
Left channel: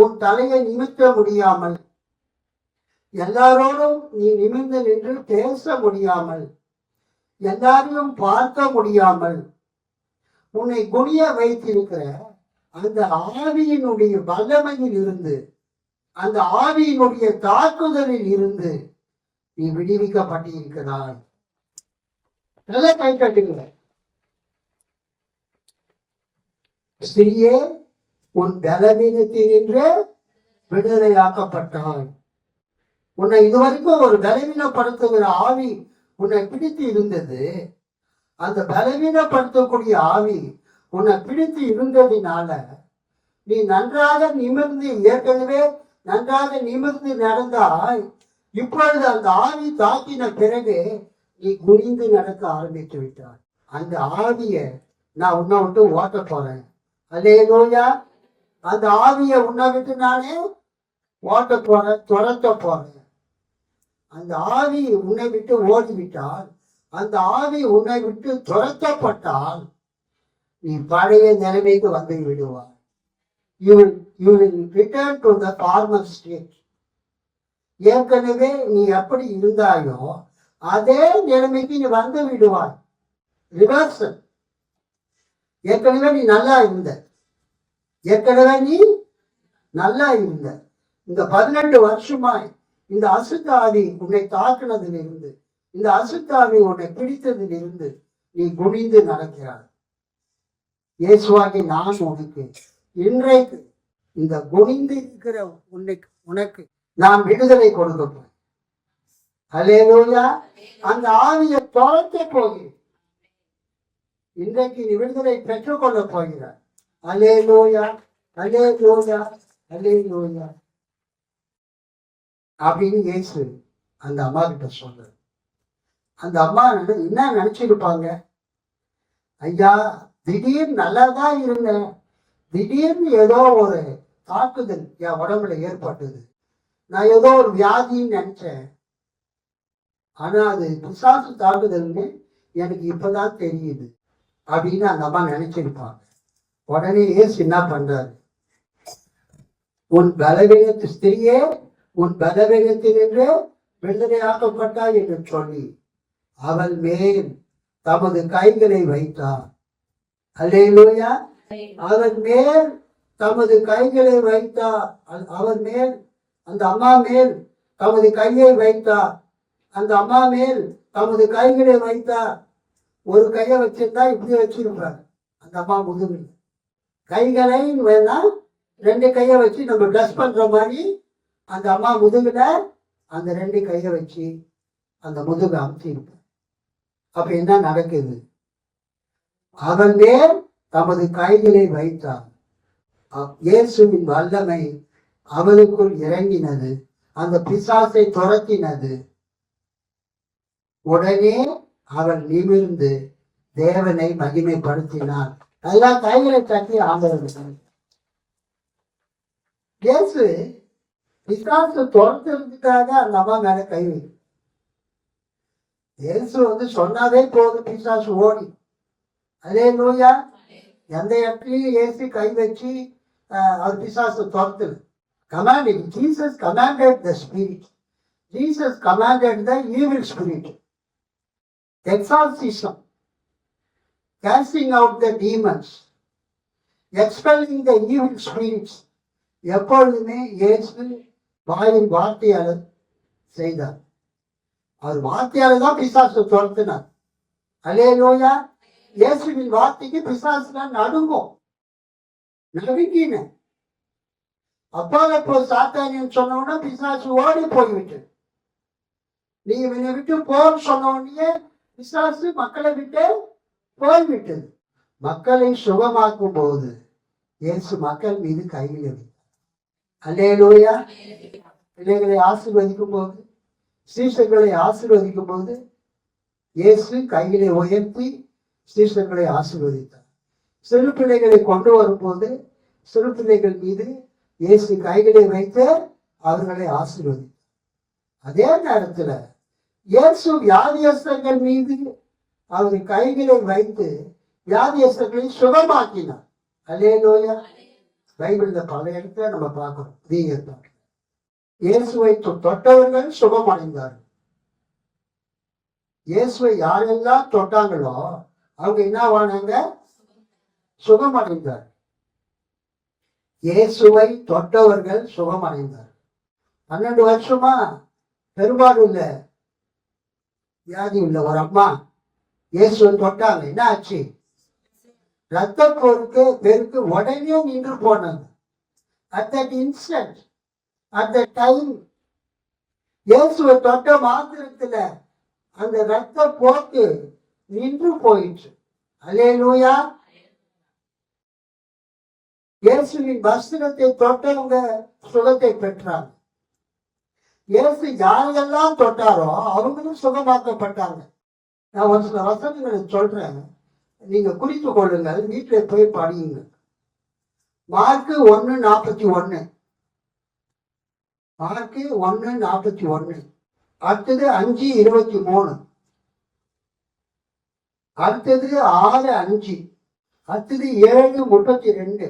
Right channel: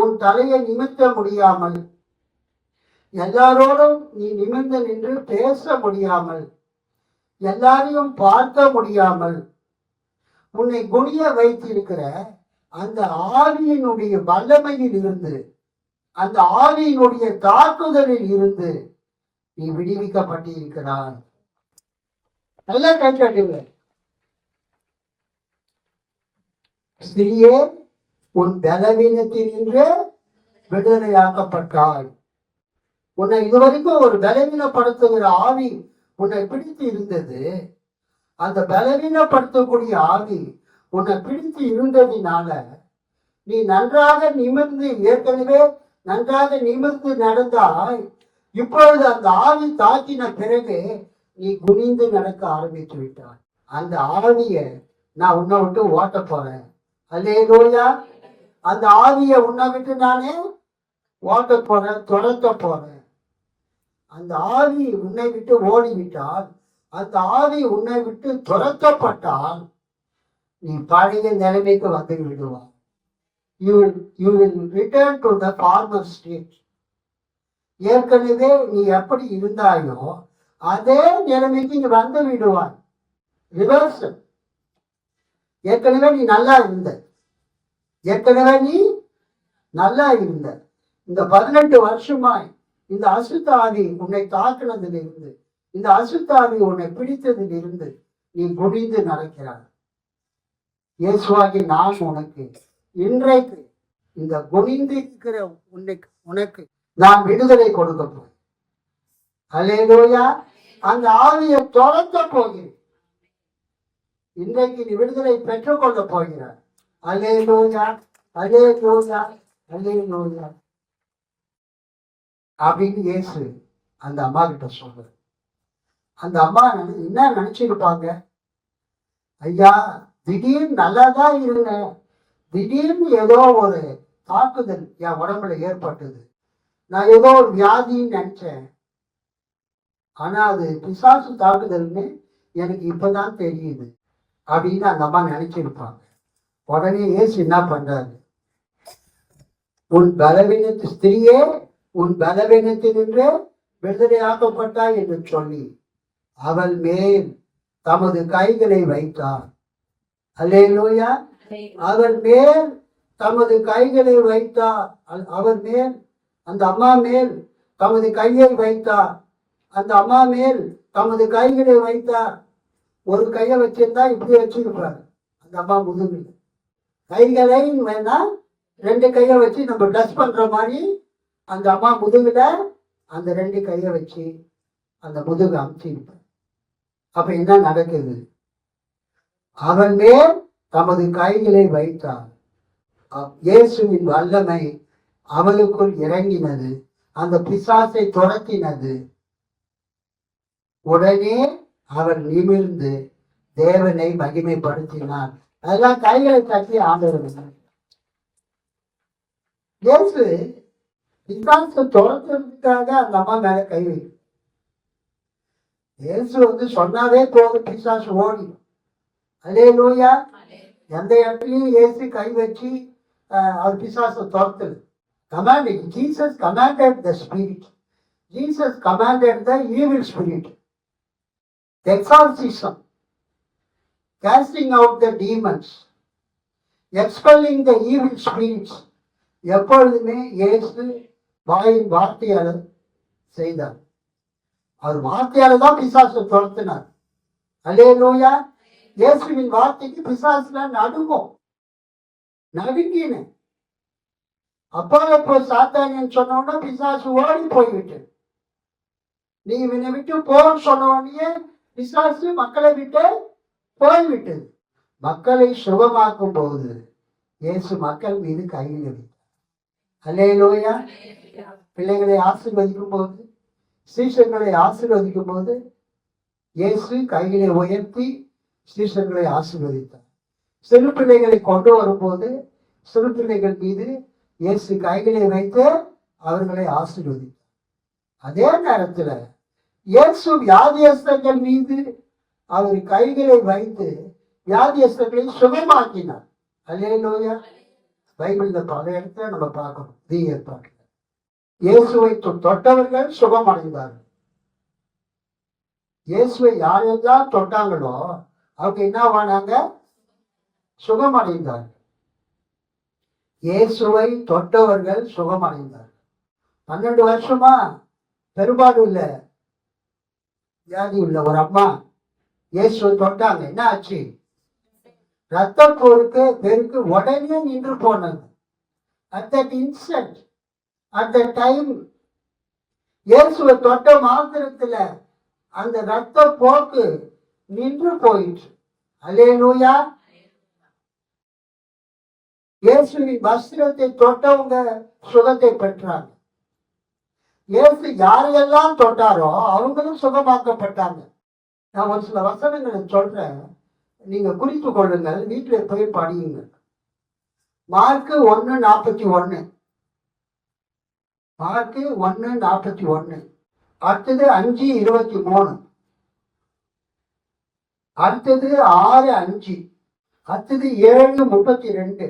உன் தலையை நிமித்த முடியாமல், எல்லாரோடும் நீ நிமிர்ந்து நின்று பேச முடியாமல், எல்லாரையும் பார்க்க முடியாமல், உன்னை குனிய வைத்திருக்கிற அந்த ஆவியினுடைய வல்லமையில் இருந்து, அந்த ஆவியினுடைய தாக்குதலில் இருந்து நீ விடுவிக்கப்பட்டிருக்கிறாய். நல்லா கை காட்டுங்க. ஸ்திரீயே, உன் பலவீனத்தில் நின்று விடுதலையாக்கப்பட்டாய். உன்னை இதுவரைக்கும் ஒரு பலவீனப்படுத்துகிற ஆவி உன்னை பிடித்து இருந்தது. அந்த பலவீனப்படுத்தக்கூடிய ஆவி உன்னை பிடித்து இருந்ததினால நீ நன்றாக நிமிர்ந்து, ஏற்கனவே நன்றாக நிமிர்ந்து நடந்தாய். இப்பொழுது அந்த ஆவி தாக்கின பிறகு நீ குனிந்து நடக்க ஆரம்பித்து விட்டாய். அந்த ஆவிய நான் உன்னை விட்டு ஓட்ட போறேன். அல்லேலூயா. அந்த ஆவிய உன்னை விட்டு நானே ஓட்ட போறேன், துரத்த போறேன். அந்த ஆவி உன்னை விட்டு ஓடிவிட்டால், அந்த ஆவி உன்னை விட்டு துரத்தப்பட்டால் நீ பழைய நிலைமைக்கு வந்து விடுவாய். You will return to the former state. ஏற்கனவே நீ எப்படி இருந்தாயோ அதே நிலைமைக்கு நீ வந்து விடுவாய். ரிவர்சல். ஏற்கனவே நீ நல்லா இருந்த, ஏற்கனவே நீ நல்லா இருந்த, இந்த 18 வருஷமாய் இந்த அசுத்தாவி உன்னை தாக்குனதிலிருந்து, இந்த அசுத்தாவி உன்னை பிடித்ததிலிருந்து நீ குனிந்து நடக்கிறாய். இயேசுவாகி நான் உனக்கு இன்றைக்கு இந்த குனிந்து இருக்கிற உனக்கு நான் விடுதலை கொடுக்க போகிறேன். அல்லேலூயா. அந்த ஆவியை துரத்த போகிறேன். இன்றைக்கு நீ விடுதலை பெற்றுக்கொள்ள போகிறார். அல்லேலூயா, அல்லேலூயா, அல்லேலூயா அப்படின்னு இயேசு அந்த அம்மா கிட்ட சொல்றாரு. அந்த அம்மா என்ன நினைச்சிருப்பாங்க? ஐயா, திடீர்னு நல்லா தான் இருந்தேன், திடீர்னு ஏதோ ஒரு தாக்குதல் என் உடம்புல ஏற்பட்டது, நான் ஏதோ ஒரு வியாதின்னு நினைச்சேன், ஆனா அது பிசாசு தாக்குதல்னு எனக்கு இப்பதான் தெரியுது அப்படின்னு அந்த அம்மா நினைச்சிருப்பாங்க. உடனே இயேசு என்ன பண்றாரு? உன் பலவீனத்து ஸ்திரியே, உன் பலவீனத்தினின்று விடுதலையாக்கப்பட்டா என்று சொல்லி அவள் மேல் தமது கைகளை வைத்தார். அல்லேலூயா. அவன் மேல் தமது கைகளை வைத்தார். அவர் மேல், அந்த அம்மா மேல் தமது கையை வைத்தார். அந்த அம்மா மேல் தமது கைகளை வைத்தார். ஒரு கையை வச்சிருந்தா இப்படி வச்சிருப்பார் அந்த அம்மா முதுகில். கைகளை வேணா 2 கையை வச்சு நம்ம டச் பண்ற மாதிரி அந்த அம்மா முதுகுல அந்த 2 கையை வச்சு அந்த முதுகு அமுத்திருப்பார். அப்ப என்ன நடக்குது? அவன் மேல் தமது கைகளை வைத்தார். இயேசுவின் வல்லமை அவளுக்குள் இறங்கினது, அந்த பிசாசை துரத்தினது. உடனே அவள் நிமிர்ந்து தேவனை மகிமைப்படுத்தினார். அதெல்லாம் கைகளை தட்டி ஆண்டவர். இயேசு பிசாசை துரத்துறதுக்காக அந்த அம்மா மேல கை வை. இயேசு சொன்னாவே போதும், பிசாசு ஓடி. அல்லேலூயா. எந்த இடத்துலயும் இயேசு கை வச்சு அவர் பிசாசை துரத்துது. commanding. Jesus commanded the spirit. Jesus commanded the evil spirit. Exorcism, casting out the demons, expelling the evil spirits. எப்பொழுதுமே இயேசு வாயின் வார்த்தையால செய்தார். அவர் வார்த்தையால தான் பிசாசு துரத்தினார். அல்லேலூயா. இயேசுவின் வார்த்தைக்கு பிசாசுல நடுங்கும், நடுங்கின. அப்போ சாத்தானியன் சொன்னோன்னா பிசாசு ஓடி போய்விட்டு. நீ இவனை விட்டு போன்னு சொன்னோடனே பிசாசு மக்களை விட்டு போய்விட்டது. மக்களை சுகமாக்கும் போது இயேசு மக்கள் மீது கையில் வைத்தார். அல்லேலூயா. பிள்ளைகளை ஆசீர்வதிக்கும் போது, சீஷர்களை ஆசீர்வதிக்கும் போது இயேசு கைகளை உயர்த்தி சீஷர்களை ஆசீர்வதித்தார். சிறு பிள்ளைகளை கொண்டு வரும்போது சிறு பிள்ளைகள் மீது இயேசு கைகளை வைத்து அவர்களை ஆசீர்வதித்தார். அதே நேரத்தில் இயேசு வியாதியஸ்தர்கள் மீது அவர் கைகளை வைத்து வியாதியஸ்தர்களை சுகமாக்கினார். அல்லேலூயா. பைபிள்ல பல இடத்துல நம்ம பார்க்கிறோம். ஏற்பாட்டில் இயேசுவை தொட்டவர்கள் சுகமடைந்தார்கள். இயேசுவை யாரெல்லாம் தொட்டாங்களோ அவங்க என்னவானாங்க? சுகமடைந்தார்கள். இயேசுவை தொட்டவர்கள் சுகமடைந்தார்கள். 12 வருஷமா பெரும்பாலும் உள்ள வியாதி உள்ள ஒரு அம்மா இயேசுவை தொட்டாங்க. என்ன ஆச்சு? ரத்த பெருக்கு உடனே நின்று போனது. At that instant, at that time, இயேசுவை தொட்ட மாத்திரத்துல அந்த ரத்த போக்கு நின்று போயிற்று. அல்லேலூயா. இயேசுவின் வஸ்திரத்தை தொட்டவங்க சுகத்தை பெற்றாங்க. இயேசு யாரையெல்லாம் தொட்டாரோ அவங்களும் சுகமாக்கப்பட்டாங்க. நான் ஒரு சில வசனங்களை சொல்றேன், நீங்க குறித்து கொள்ளுங்கள், வீட்டில் போய் படியுங்க. மார்க்கு 1:41, மார்க்கு 1:41, அடுத்தது 5:23, அடுத்தது 6:5, அடுத்தது 7:32,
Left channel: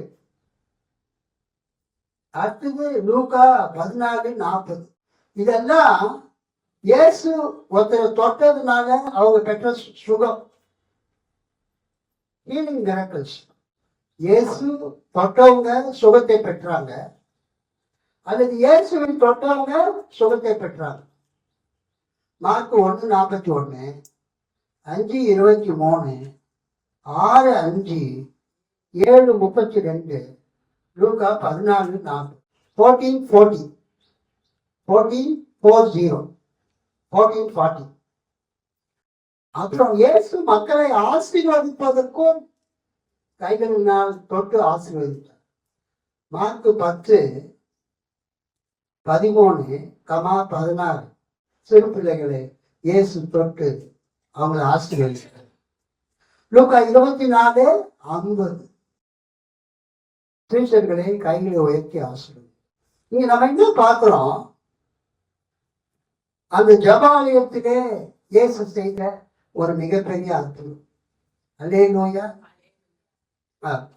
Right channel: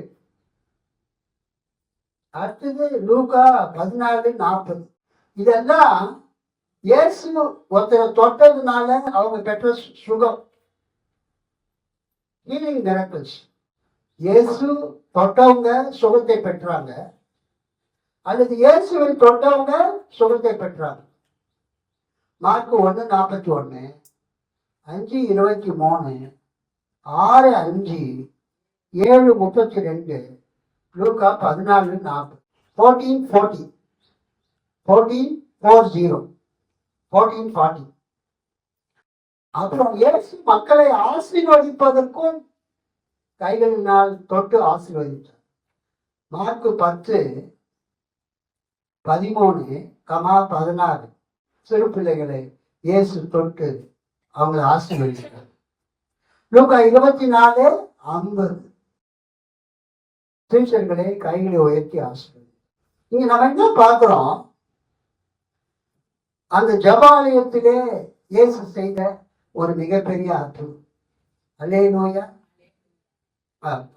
அடுத்தது லூக்கா 14:40. இதெல்லாம் இயேசு ஒருத்தரை தொட்டதுனால அவங்க பெற்ற சுகம். Healing miracles. இயேசு தொட்டவங்க சுகத்தை பெற்றாங்க, அல்லது இயேசுவை தொட்டவங்க சுகத்தை பெற்றாங்க. மார்க்கு 1:41, 5:23, 6:5, 7:32, லூக்கா 14:40, 14:40, 14:40. அப்புறம் இயேசு மக்களை ஆசீர்வதிப்பதற்கும் கைகளினால் தொட்டு ஆசீர்வதித்தார். மார்க்கு 10:13, 16 சிறு பிள்ளைகளை இயேசு தொட்டு அவங்களை ஆசீர்வதித்தார். லூக்கா 24:50 சீஷர்களை கைகளை உயர்த்தி ஆசீர்வதி. இங்க நம்ம என்ன பார்க்கிறோம்? அந்த ஜபாலயத்திலே இயேசு செய்த ஒரு மிகப்பெரிய அற்புதம். அல்லேலூயா.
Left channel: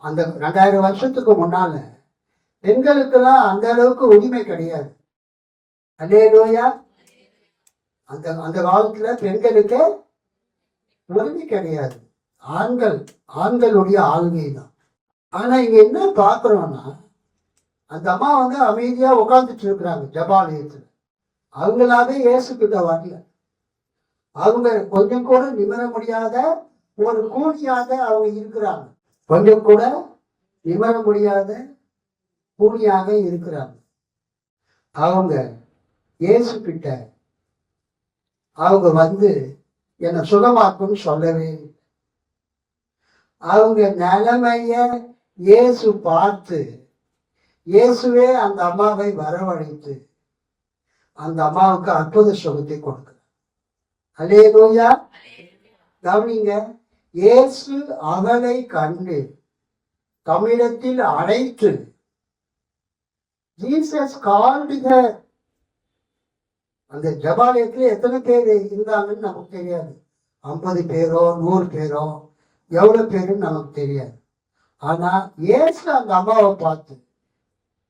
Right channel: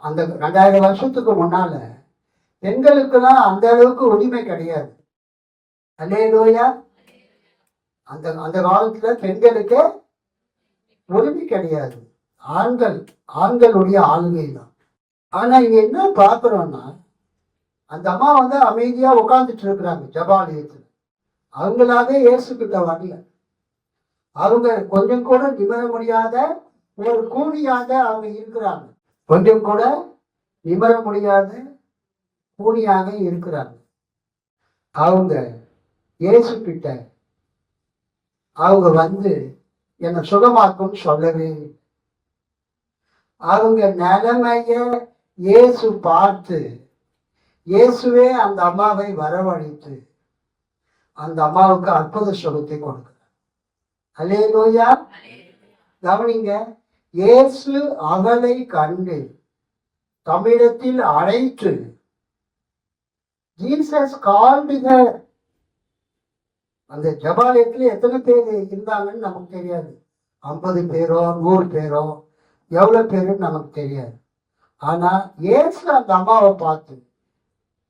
அந்த 2000 வருஷத்துக்கு முன்னால பெண்களுக்கெல்லாம் அந்த அளவுக்கு உரிமை கிடையாது. அல்லேலூயா. அந்த காலத்துல பெண்களுக்கு உரிமை கிடையாது. ஆண்களுடைய ஆளுகை தான். ஆனா இங்க என்ன பாக்குறோம்னா, அந்த அம்மா அமைதியா உட்கார்ந்துட்டு இருக்கிறாங்க ஜபாலயத்துல. அவங்களாவே இயேசு கிட்ட வரல. அவங்க கொஞ்சம் கூட நிமிர முடியாத ஒரு கூனியாக அவங்க இருக்கிறாங்க. கொஞ்சம் கூட நிமிர முடியாத கூனியாக இருக்கிறாங்க. அவங்க இயேசு கிட்ட அவங்க என்னை சுகமாக்கும்னு சொல்லவே. அவங்க நிலைமைய இயேசு பார்த்து, இயேசுவே அந்த அம்மாவை வரவழைத்து அந்த அம்மாவுக்கு அற்புத சுகத்தை கொடுக்கிறார். அல்லேலூயா. கவனிங்க, இயேசு அவளை கண்டு தமிழத்தில் அழைத்து, ஜீசஸ் கால்டு ஹர். அந்த ஜபாலயத்தில் எத்தனை பேர் இருந்தாங்கன்னு நமக்கு தெரியாது. 50 பேரோ 100 பேரோ எவ்வளவு பேருன்னு நமக்கு தெரியாது. ஆனா இயேசு அந்த அம்மாவை பார்த்து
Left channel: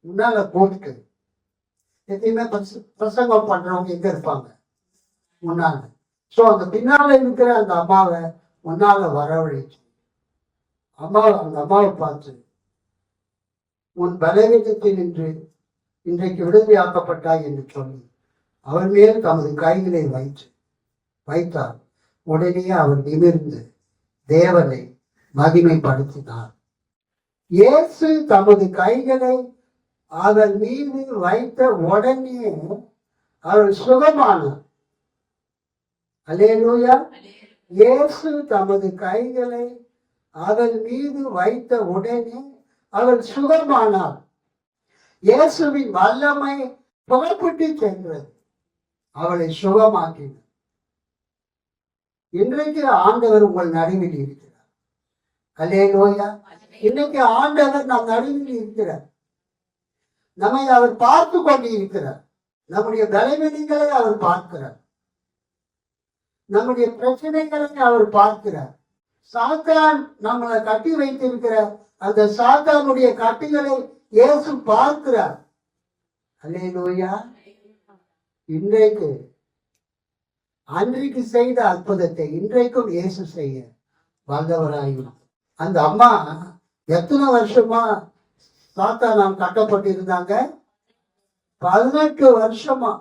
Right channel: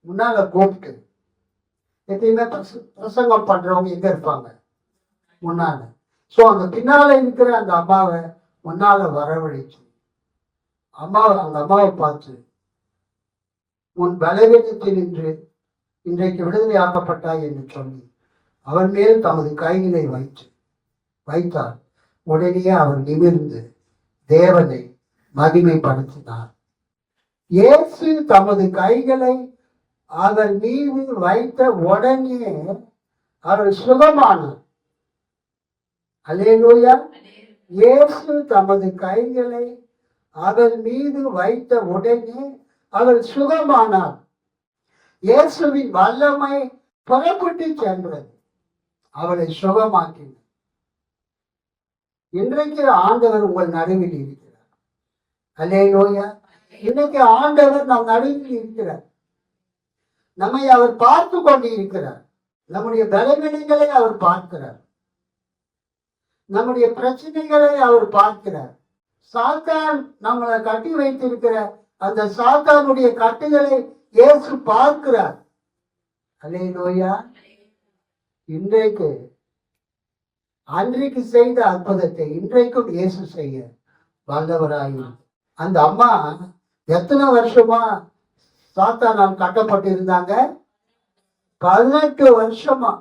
முன்னால கூப்பிட்டு, எப்பயுமே பிரசங்கம் பண்றவங்க எங்க இருப்பாங்க? முன்னால. சோ அந்த பின்னால இருக்கிற அந்த அம்மாவை முன்னால வரவழைச்சு அந்த அம்மாவை பார்த்து, உன் பலவீனத்தில் நின்று இன்றைக்கு விடுதலை ஆக்கப்பட்டாய் என்று சொல்லி அவன் மேல் தமது கைகளை வைத்தார். உடனே அவர் நிமிர்ந்து தேவனை மகிமைப்படுத்தினார். இயேசு தமது கைகளை அவர் மீது வைத்த உடனே அவர் சுகமானார். அல்லேலூயா. இயேசு தமது கைகளை அவள் மீது வைத்த உடனே அவள் சுகமானாள். இயேசுவின் வல்லமை புறப்பட்டு சென்றது, அவளை சுகமாக்கினார். இன்றைக்கு ஆண்டவர் உங்கள் நடுவில் இருக்கிறார். அல்லேலூயா. இன்னைக்கு ஆண்டவர் நம் நடுவில் இருக்கிறார். நம்மை அவர் பார்த்து கொண்டு இருக்கிறார். நம்முடைய பலவீனங்களை அவர் பார்க்கிறார். நம்முடைய பிரச்சனைகளை அவர் பார்க்கிறார். சாத்தான் நம்மளை கட்டி வைத்திருக்கிற அந்த சாத்தானுடைய கட்டுகளை இயேசு பார்க்கிறார். அல்லேலூயா. இன்றைக்கு அன்றைக்கு செய்த அற்புதத்தை இன்றைக்கும் இயேசு செய்ய வல்லவராயும். அந்த அம்மா எத்தனை வருஷமா சாத்தானால் கட்டப்பட்டிருந்தாங்க? 18 வருஷமா.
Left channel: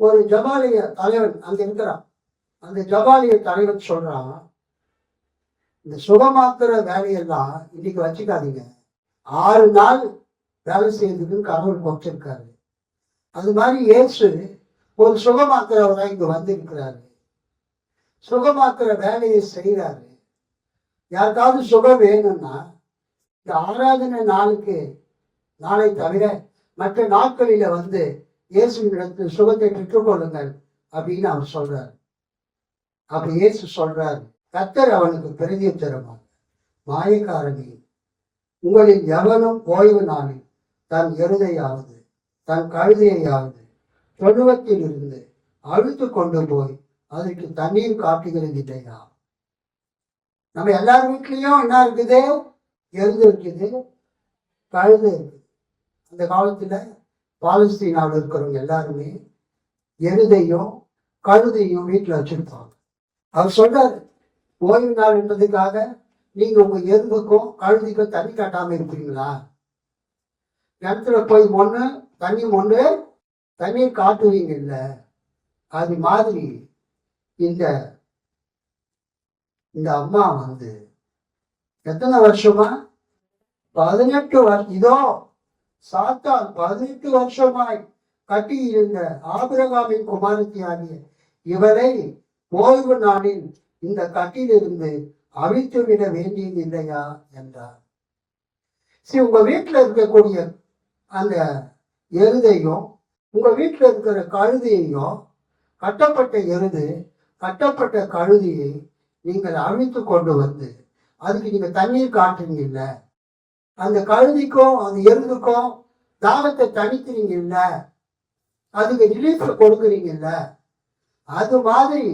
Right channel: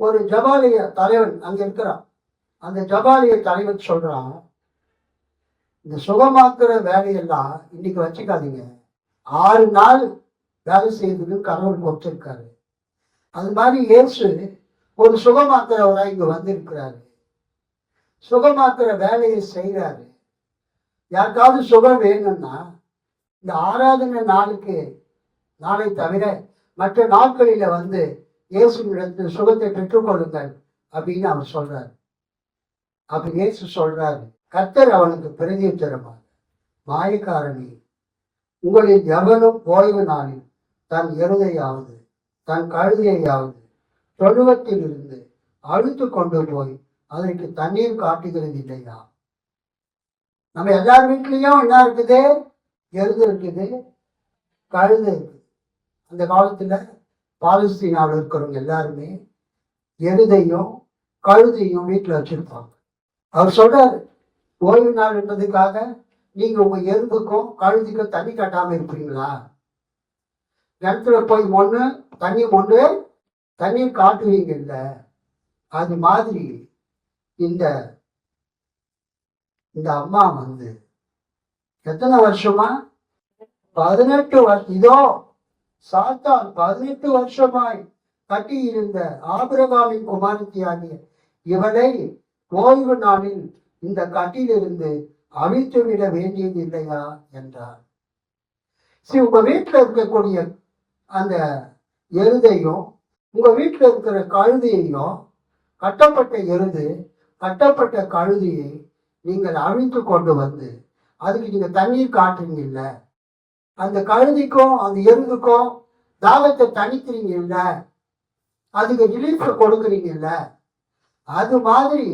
ஒரு ஜபாலிய தலைவன் அங்க இருக்கிறான். அந்த ஜபாலிய தலைவன் சொல்றான், இந்த சுகமாக்குற வேலையெல்லாம் இன்னைக்கு வச்சுக்காதீங்க, 6 நாள் வேலை செய்ததுக்கு கடவுள் கொடுத்திருக்காரு. அது மாதிரி இயேசு ஒரு சுகமாக்குறவராக இங்க வந்திருக்கிறாரு. சுகமாக்குற வேலையை செய்யறாரு. யாருக்காவது சுகம் வேணும்னா இந்த ஆராதனை நாளை தவிர மற்ற நாட்களில வந்து இயேசுவிடத்தில் சுகத்தை பெற்றுக்கொள்ளுங்கள் அப்படின்னு அவர் சொல்றாரு. அப்படி இயேசு சொல்றாரு, கர்த்தர் அவனுக்கு பிரதியுத்தரமாக, மாயக்காரனே, உங்களில் எவனும் ஓய்வு நாளில் தன் எருதையாவது தன் கழுதையாவது தொழுவத்தில் இருந்து அழுத்து கொண்டு போய் அதற்கு தண்ணீர் காட்டுகிறது இல்லையா? நம்ம எல்லார் வீட்லயும் என்ன இருக்குது? எருது இருக்குது, கழுதை இருக்குது. அந்த காலத்துல பாலஸ்தீனாவில் இருக்கிறவங்க எல்லாருமே எருதையும் கழுதையும் வீட்டுல வச்சிருப்பாங்க. அவர் சொல்றாரு, ஓய்வு நாள் என்றதுக்காக நீங்க உங்க எருதுக்கும் கழுதிக்கும் தண்ணி கட்டாம இருப்பீங்களா? கிணத்துல போய் தண்ணீர் காட்டுவீங்க இல்ல? அது மாதிரி இந்த அம்மா வந்து எத்தனை வருஷமா? 18 வருஷம். இதோ சாத்தான் 18 வருஷமாய் கட்டி இருந்த ஆபிரகாமின் குமாரத்தி ஆகிய இவளை ஓய்வு நாளில் இந்த கட்டிலிருந்து அழித்து விட வேண்டியது இல்லையா என்றார். உங்க வீட்டுல இருக்கக்கூடிய அந்த எருதையும் உங்க வீட்டுல இருக்கிற கழுதையையும், கட்டப்பட்ட எருது கட்டப்பட்ட கழுதியை நீங்கள் அழித்து கொண்டு வந்து அதுக்கு நீங்க தண்ணீர் காட்டுறீங்கல்ல, அந்த கழுதிக்கும் அந்த எருதுக்கும் தாகத்தை தணிக்கிறீங்கல்ல, அதுக்கு ரிலீஃப் கொடுக்குறீங்கல்ல, அது மாதிரி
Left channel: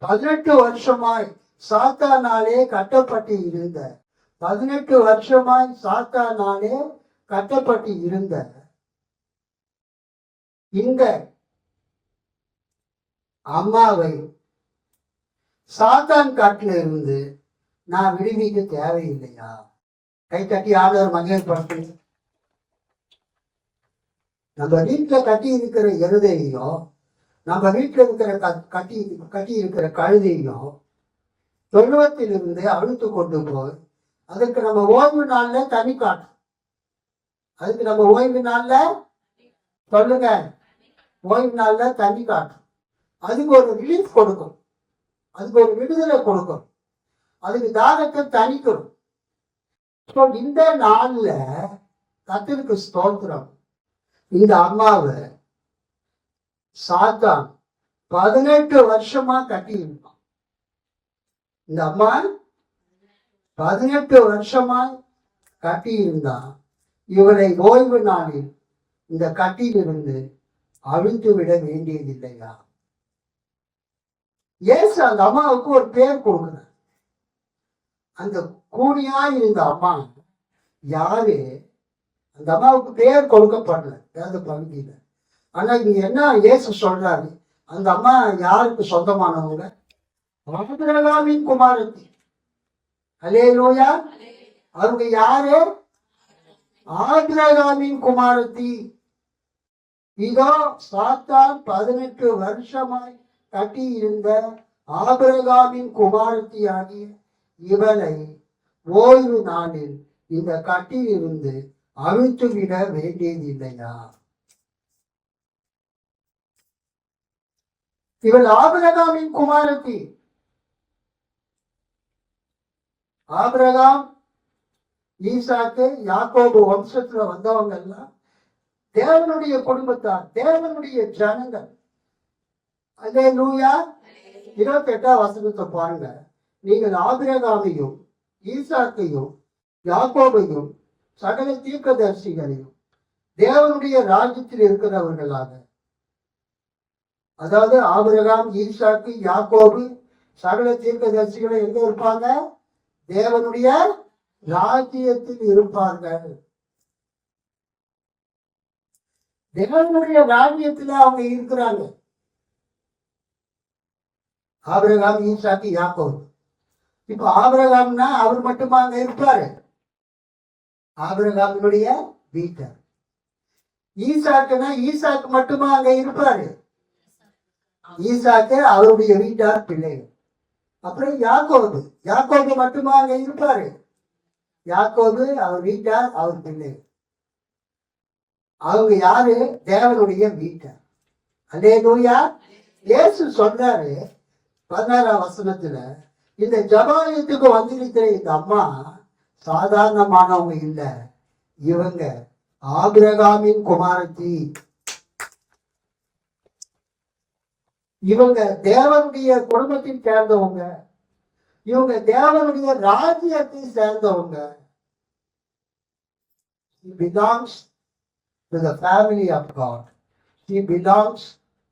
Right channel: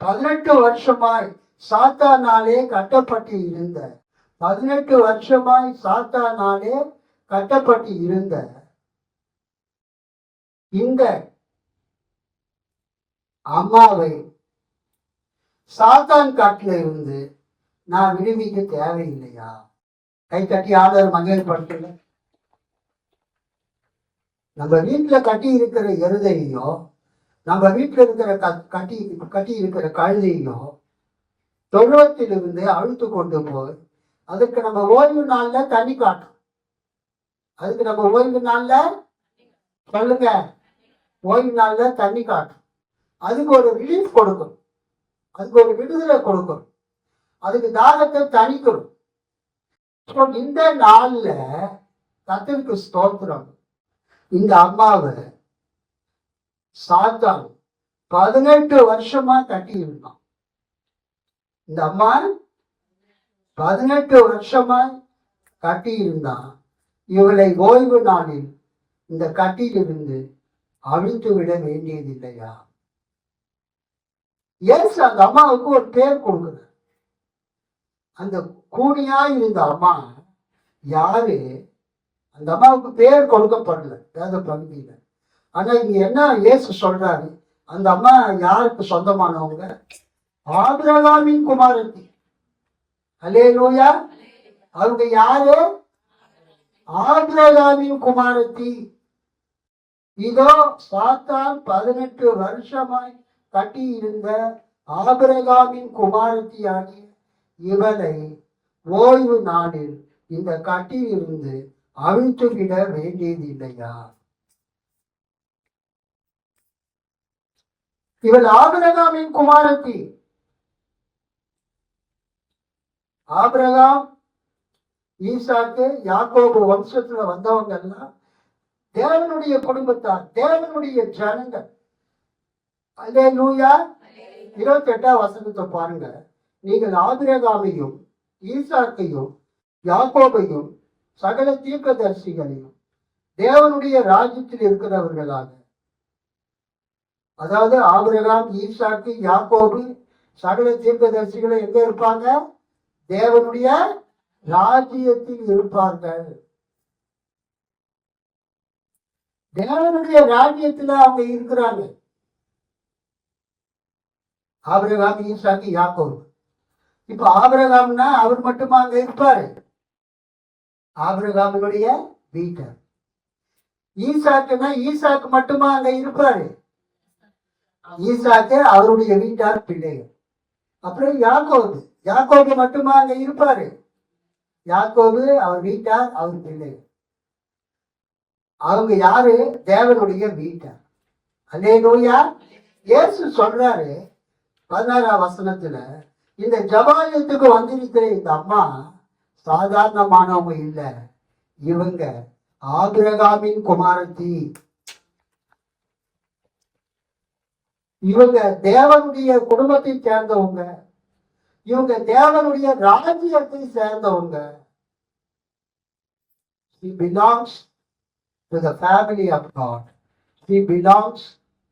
18 வருஷமாய் சாத்தானாலே கட்டப்பட்டு இருந்த 18 வருஷமாய் சாத்தானாலே கட்டப்பட்டு இருந்த இந்த அம்மாவை சாத்தான் காட்டில இருந்து நான் விடுவிக்க தேவையில்லையா? கை கட்டி ஆடர் மகிழ்படுத்தல. நம்ம வீட்டுல கட்டி இருக்கிற எருதையோ, நம்ம வீட்டுல இருக்கிற கட்டி இருக்கிற கழுதையும் தொழுவத்திலிருந்து அழுத்து கொண்டு போய் அதுக்கு நம்ம ஓய்வு நாள்ல தண்ணி காட்டும். அதுக்கு நம்ம ஓய்வு நாள்ல சொல்லுங்க, ஓய்வு நாள்ல தண்ணி காட்டும். அதுக்கு ஒரு ரிலீஃப் கொடுக்கும், அதுக்கு ஒரு விடுதலை கொடுக்கும், அதுக்கு தாகத்தை தணிக்கணும். இந்த நாள்ல கர்த்தருக்கு ஸ்தோத்திரம், இந்த அம்மாவை சாத்தான் 18 வருஷமா கட்டி இருந்தான். இந்த அம்மா 18 வருஷமா கட்டி இருந்தான். இவளை ஓய்வு நாளில் இந்த கட்டியிலிருந்து அழித்து விட வேண்டியது இல்லையா? ஏசு அந்த அம்மாவுக்கு ஒரு பேர் கொடுக்குற. அந்த கூனியா இருந்த அம்மா யாரு? அந்த அம்மாவுக்கு பேர் கொடுக்கப்படல வேத பகுதியில. ஆனா இங்க என்ன இயேசு சொல்றாரு, அந்த அம்மா யாருக்கு சொந்தமானவங்க? ஆபிரகாமின் குமாரத்தி. அல்லேலூயா. அவங்க யாரு? ஆபிரகாமின் குமாரத்தி. இதோ சாத்தான் 18 வருஷமாய் கட்டி இருந்த ஆபிரகாமின் குமாரத்தி ஆகிய இவளை ஓய்வு நாளில் இந்த கட்டில் இருந்து அழித்து விட வேண்டியது இல்லையா? இவள் ஆபிரகாமின் குமாரத்தி. ஆபிரகாம், ஈசாக்கு, யாக்கோபு வம்சத்துல வந்தவங்க எல்லாம் தேவனுடைய குடும்பத்தார், தேவனுடைய ஜனங்கள். அல்லேலூயா. 28ஆம் வசனத்தை பாருங்க. நீங்கள் ஆபிரகாமையும் ஈசாக்கையும் யாக்கோபையும் சகல தீர்க்கதரிசிகளையும் தேவனுடைய ராஜ்யத்தில் இருக்கிறவர்களாக, அதாவது ஆபிரகாம், ஈசாக்கு, யாக்கோபு சகல தீர்க்கதரிசிகளை எங்க இருப்பாங்க? தேவனுடைய ராஜ்யத்தில் இருப்பார்கள். தேவனுடைய ராஜ்யத்துல அவங்க இருக்கிறாங்க. ஆபிரகாம், ஈசாக்கு, யாக்கோபு. இப்ப ஆபிரகாம்னா அவர் மட்டுமா அங்க இருப்பாரு? ஆபிரகாமினுடைய வீட்டார். ஈசாக்குனா ஈசாக்கு மட்டுமா அங்க இருப்பாரு? ஈசாக்கு அவருடைய வீட்டார் பிள்ளைகள். அப்புறம் யாக்கோபு, யாக்கோபு மட்டுமா அங்க இருப்பாரு? யாக்கோபு அவர் வீட்டார், அவர் பிள்ளைகள். அவங்க யாரு? தேவனுடைய வீட்டார். அல்லேலூயா. இயேசு சொல்றாரு 16ஆம் வசனத்துல, இந்த ஜபாலயத்துக்கு வந்திருக்கிற இந்த அம்மா சாதாரணமானவங்க இல்ல, இவங்க ஆபிரகாமின் குமாரத்தி. இவங்க தேவனுடைய குடும்பத்தை சேர்ந்தவங்க, இவங்க தேவனுடைய ராஜ்யத்தை சேர்ந்தவங்க. She belongs to the family of God. She belongs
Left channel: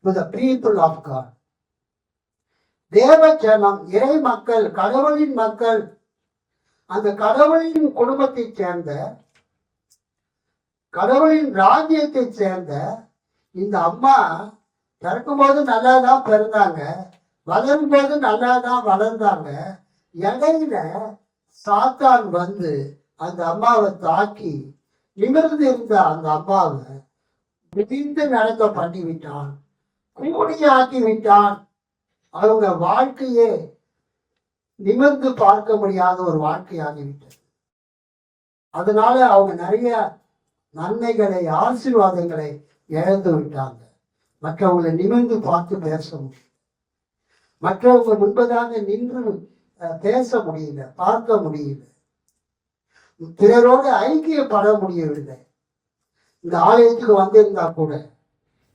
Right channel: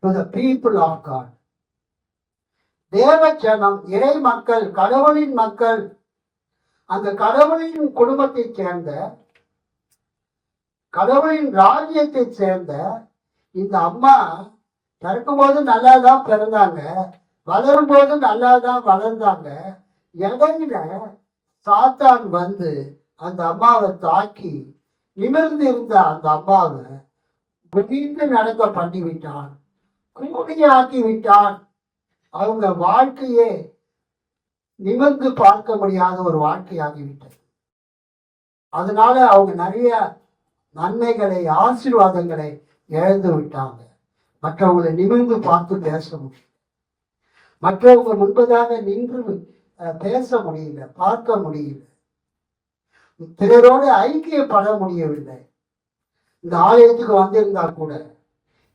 to the people of God. தேவ ஜனம், இறை மக்கள், கடவுளின் மக்கள், அந்த கடவுளின் குடும்பத்தை சேர்ந்த, கடவுளின் ராஜ்யத்தை சேர்ந்த இந்த அம்மா பிறக்கும் போது நல்லாதான் பிறந்தாங்க, வளரும் போது நல்லாதான் வளர்ந்தாங்க. இடையில சாத்தான் வந்து அந்த அம்மாவை தாக்கி நிமிர்ந்து இருந்த அந்த அம்மாவை குதிந்து நடக்க பண்ணிவிட்டான், கூடியாக்கி விட்டான். அவங்க வாழ்க்கையே நிமிர்ந்து பார்க்க முடியாத ஒரு வாழ்க்கையாகிவிட்டது. அதனால அவங்க நிறைய நன்மைகளை, ஆசீர்வாதங்களை இழந்து விட்டாங்க. மற்றவங்களை நிமிர்ந்து பார்த்து பேச முடியல, மற்றவங்க முன்பதாக நின்று பேச முடியல, பார்க்க முடியல, பிறரோடு ஐக்கியப்பட முடியவில்லை. இந்த ஆலயத்துக்கு வந்திருந்தா கூட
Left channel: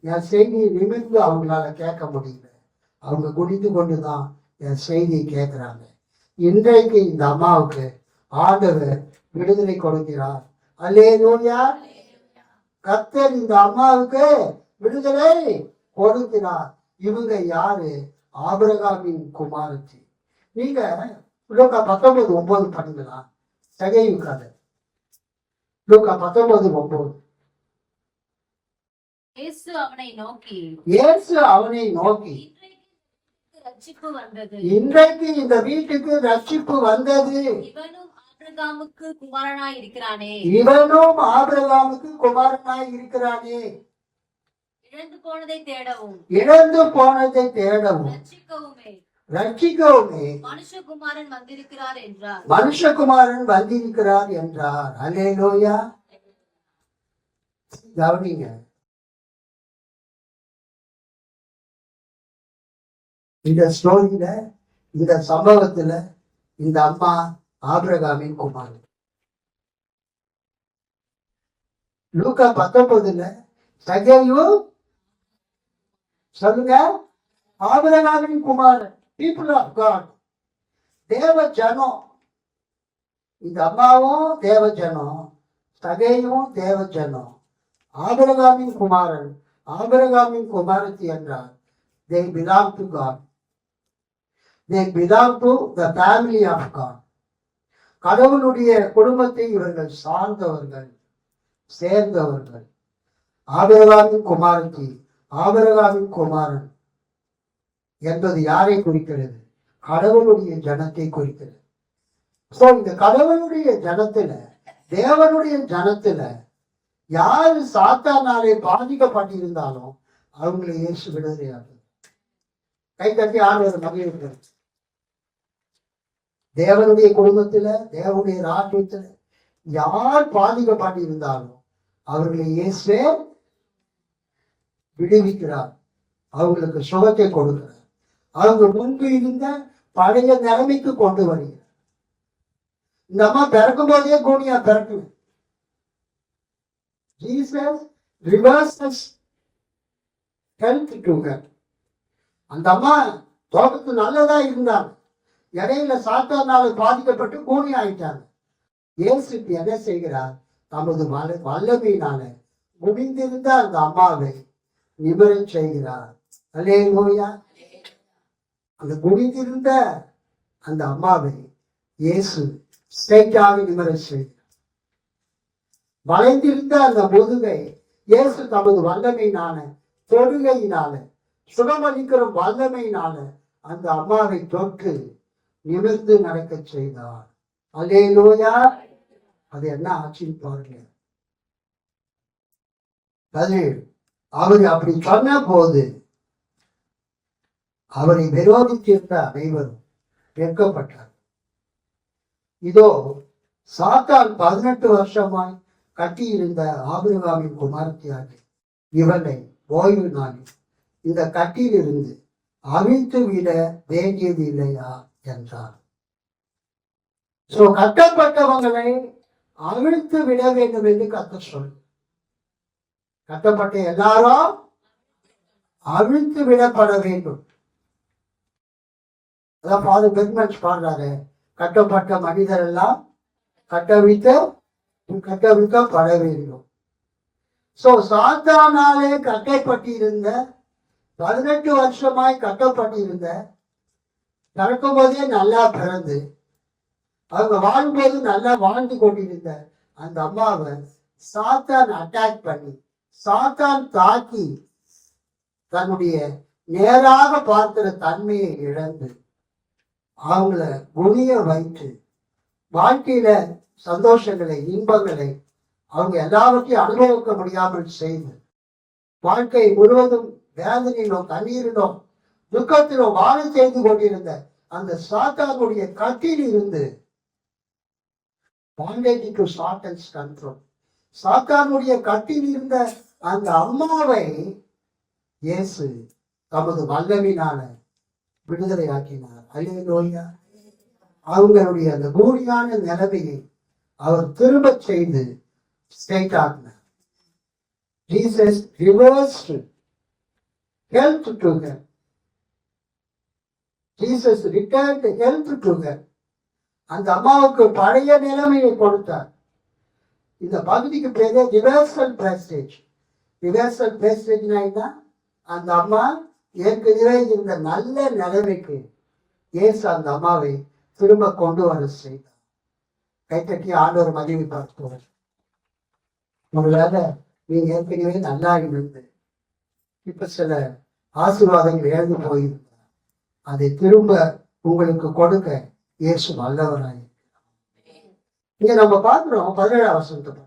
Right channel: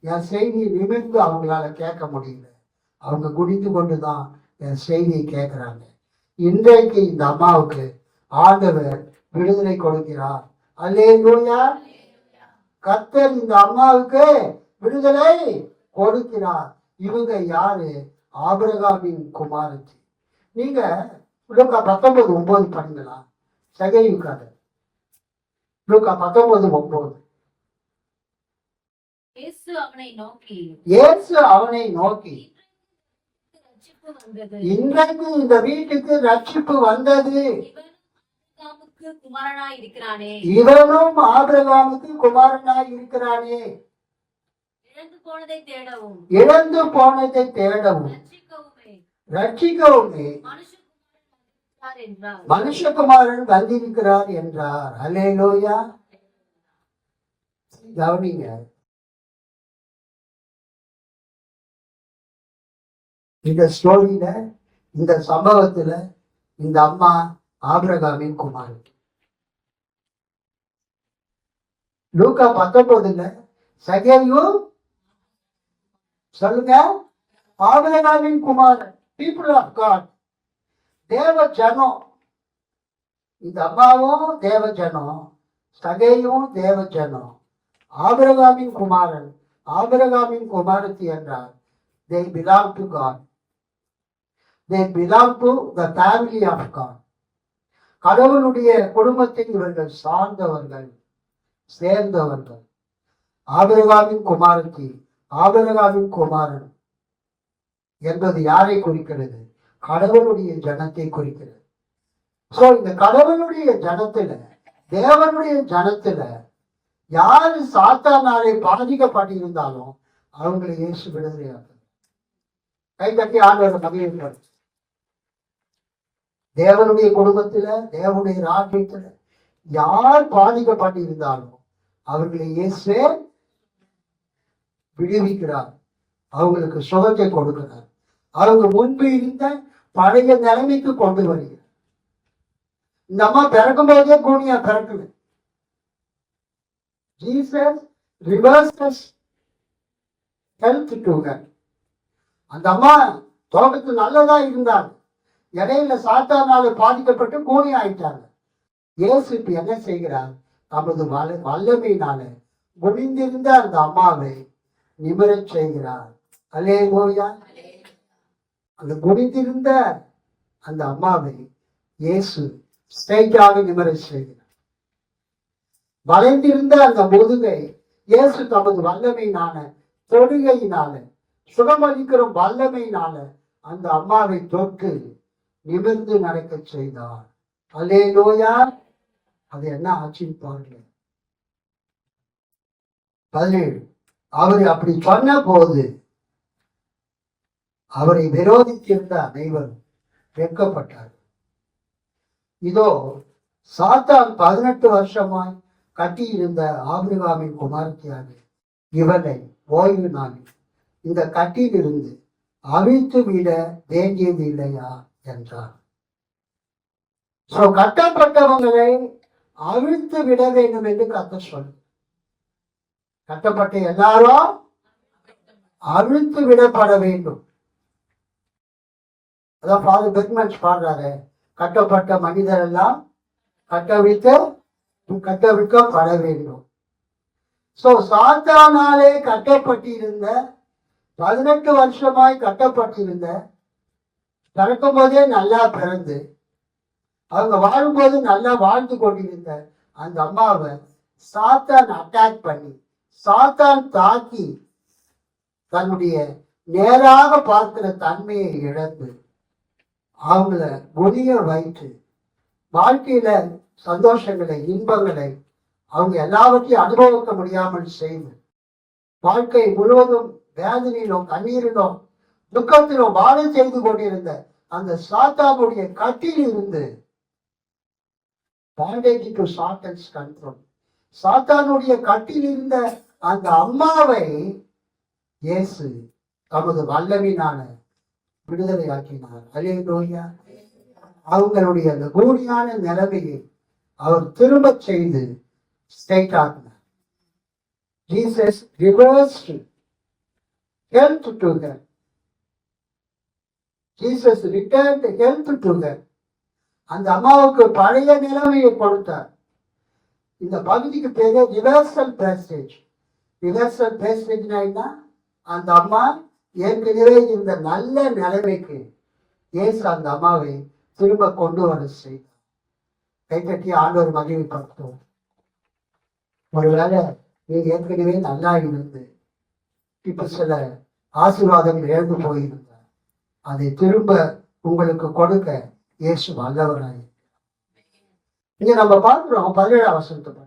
என் செய்தியை நிமிர்ந்து அவங்களால கேட்க முடியல. அவங்க குடித்து கொண்டுதான் என் செய்தியை கேட்கிறாங்க. இன்றைக்கு இந்த அம்மாவுக்கு ஆண்டவர் விடுதலை கொடுக்கிறார். அல்லேலூயா. கர்த்தர் இந்த அம்மாவுக்கு விடுதலை கொடுக்கிறார். இவங்க யாரு? ஆபிரகாமின் குமாரத்தி. நீங்க லூக்கா 19:9 பண்ணுங்களா? சகையு கதை. லூக்கா 19:9. இயேசு அவனை நோக்கி இன்றைக்கு இந்த வீட்டுக்கு ரட்சிப்பு வந்தது. இவனும் ஆபிரகாமுக்கு குமாரனாய் இருக்கிறானே. இழந்து போனதை தேடவும் ரட்சிக்கவுமே மனுஷகுமாரன் வந்திருக்கிறார் என்றார். அல்லேலூயா. கவனிங்க, இந்த ஸ்டோரியில, இந்த சம்பவத்துல இந்த அம்மா ஆபிரகாமின் குமாரன். லூக்கா 19 சகேயு சொல்லுங்க, ஆபிரகாமின் குமாரன், பீப்புள் ஆஃப் காட், தேவ ஜனம். இந்த அம்மாவும் தேவ ஜனம், சகேயும் தேவ ஜனம். ஆபிரகாமின் குமாரன், ஆபிரகாமின் குமாரத்தி என்றார். They belong to God. They belong to the family of God. கடவுளுடைய குடும்பத்தை இவர்கள் சார்ந்தவர்கள், சேர்ந்தவர்கள். ஆபிரகாமின் குமாரத்தி, ஆபிரகாமின் குமாரன் என்பது யாரை குறிக்கிறது? கடவுளுடைய ஜனத்தை குறிக்கிறது. சோ இந்த கடவுளுடைய ஜனத்துல, தேவனுடைய ஜனத்துல யாரு சாத்தானாலே பாதிக்கப்பட்டிருந்தாலும் அவங்களை இயேசு விடுதலையாகும். கை தட்டி ஆண்டவரை மகிழ்ச்சி. தேவனுடைய குடும்பத்துல, தேவனுடைய ராஜ்யத்துல யார் பாதிக்கப்பட்டு இருந்தாலும் அவர்களை இயேசுவே விடுவிக்கிறார். அவங்களுக்கு சுகத்தை கொடுக்கிறார். அவங்க முன்பு இருந்த பழைய நிலைமைக்கு கொண்டு வருகிறார். இந்த அம்மா பிறக்கும் போதே கூனியா பிறக்கல. Jesus reverses health to her. அந்த அம்மா தோட்டத்து நல்லதா இருந்தாங்க, இடையில சாத்தானால பாதிக்கப்பட்டு கூனி ஆயிட்டாங்க. இயேசு இப்ப என்ன செய்கிறார்? தமது வல்லமையினால முடிந்திருந்த அந்த அம்மாவை நிபுணம் செய்கிறார். அல்லேலூயா. அந்த முடிந்திருந்த அந்த அம்மாவை இயேசு ஸ்ட்ரைட்டாக நிபுணம் செய்கிறார். வளைந்திருந்த அந்த முதுகை இயேசு தமது வல்லமையினால, தொடுகையினால, சுகமளிக்கிற வல்லமையினால அந்த அம்மாவை தொட்டு நிமிர்ந்து நடக்க செய்தார். அல்லேலூயா. அது என்ன ஆச்சுன்னு பாருங்க. 17. அவர் அப்படி சொன்ன போது அவரை விரோதித்திருந்த அனைவரும் வெட்கப்பட்டார். இதோ சாத்தான் 18 வருஷமாய் கட்டியிருந்த ஆபிரகாமின் குமாரத்தியாக இவனை ஓய்வு நாளில் இந்த கட்டியிலிருந்து அவிழ்த்து விட வேண்டியது இல்லையா என்றார். கட்டப்பட்டவங்களை அவிழ்த்து விட வேண்டும் என்று கர்த்தர் சொல்றார். கட்டப்பட்ட எல்லாரும் அவிழ்த்து விடப்பட வேண்டும். அதான் ஃபாதர் பெர்க்மன்ஸ் பாடுறாரு, கட்டப்பட்ட மனிதர் எல்லாம் கட்டவிழ்க்கப்பட வேண்டும். சாத்தானாலே கட்டப்பட்டிருந்த 18 வருஷமாய் கட்டப்பட்டிருந்த, பிறக்கும் போதே நல்லா பிறந்து அவங்க வாழும்போது நல்லா வாழ்ந்து கொண்டிருந்த அந்த அம்மாவை சாத்தான் அட்டாக் பண்ணி, சாத்தான் தாக்கி தன்னுடைய நேராக பார்க்கிற தன்மையை இழந்து அவங்கள குனிய வைத்து வாழ்க்கையில சந்தோஷங்களை, இன்பங்களை அவங்க எல்லாவற்றையும் அனுபவிக்க முடியாமல் செய்து வாழ்க்கை முழுவதும் வேதனையிலும், கண்ணீரிலும், துக்கத்திலும் வாழ செய்து கொண்டிருந்த அந்த சாத்தானுடைய கட்டில் இருந்து bondage to Satan's control. சாத்தானுடைய கட்டில் இருந்த அந்த அம்மாவை இயேசு தமது வல்லமையினால விடுதலை ஆக்கினார். அல்லேலூயா. அவங்களுடைய அந்த கூலியான நிலைமையை அவர் திரும்ப செய்து ஸ்ட்ரைட் ஆக்கினார். Jesus reversed health to her. Jesus returned health to her. அந்த அம்மாவுக்கு பழைய நிலைமையை கொடுத்தார். இந்த பகுதிக்கு பேரு ரிவர்சல் பிரஸ்டேஜ். ரிவர்சல் பிரஸ்டேஜ்னா என்ன? அந்த அம்மா ஏற்கனவே இந்த நல்ல நிலைமைக்கு இயேசு அந்த அம்மாவை திரும்ப கொண்டு வர செய்தார். கைத்தட்டி ஆண்டவர் மகிமை பார்த்தோம். ஒருவேளை நீங்க ஏற்கனவே நல்லா இருந்து இப்ப சில ஆசீர்வாதங்கள் இழந்து போயிருந்தார், அதை திரும்ப உங்களுக்கு கொடுக்க இயேசு வல்லவராய். இங்க நம்ம பார்க்கிறோம் 17ஆம் வசனத்தை.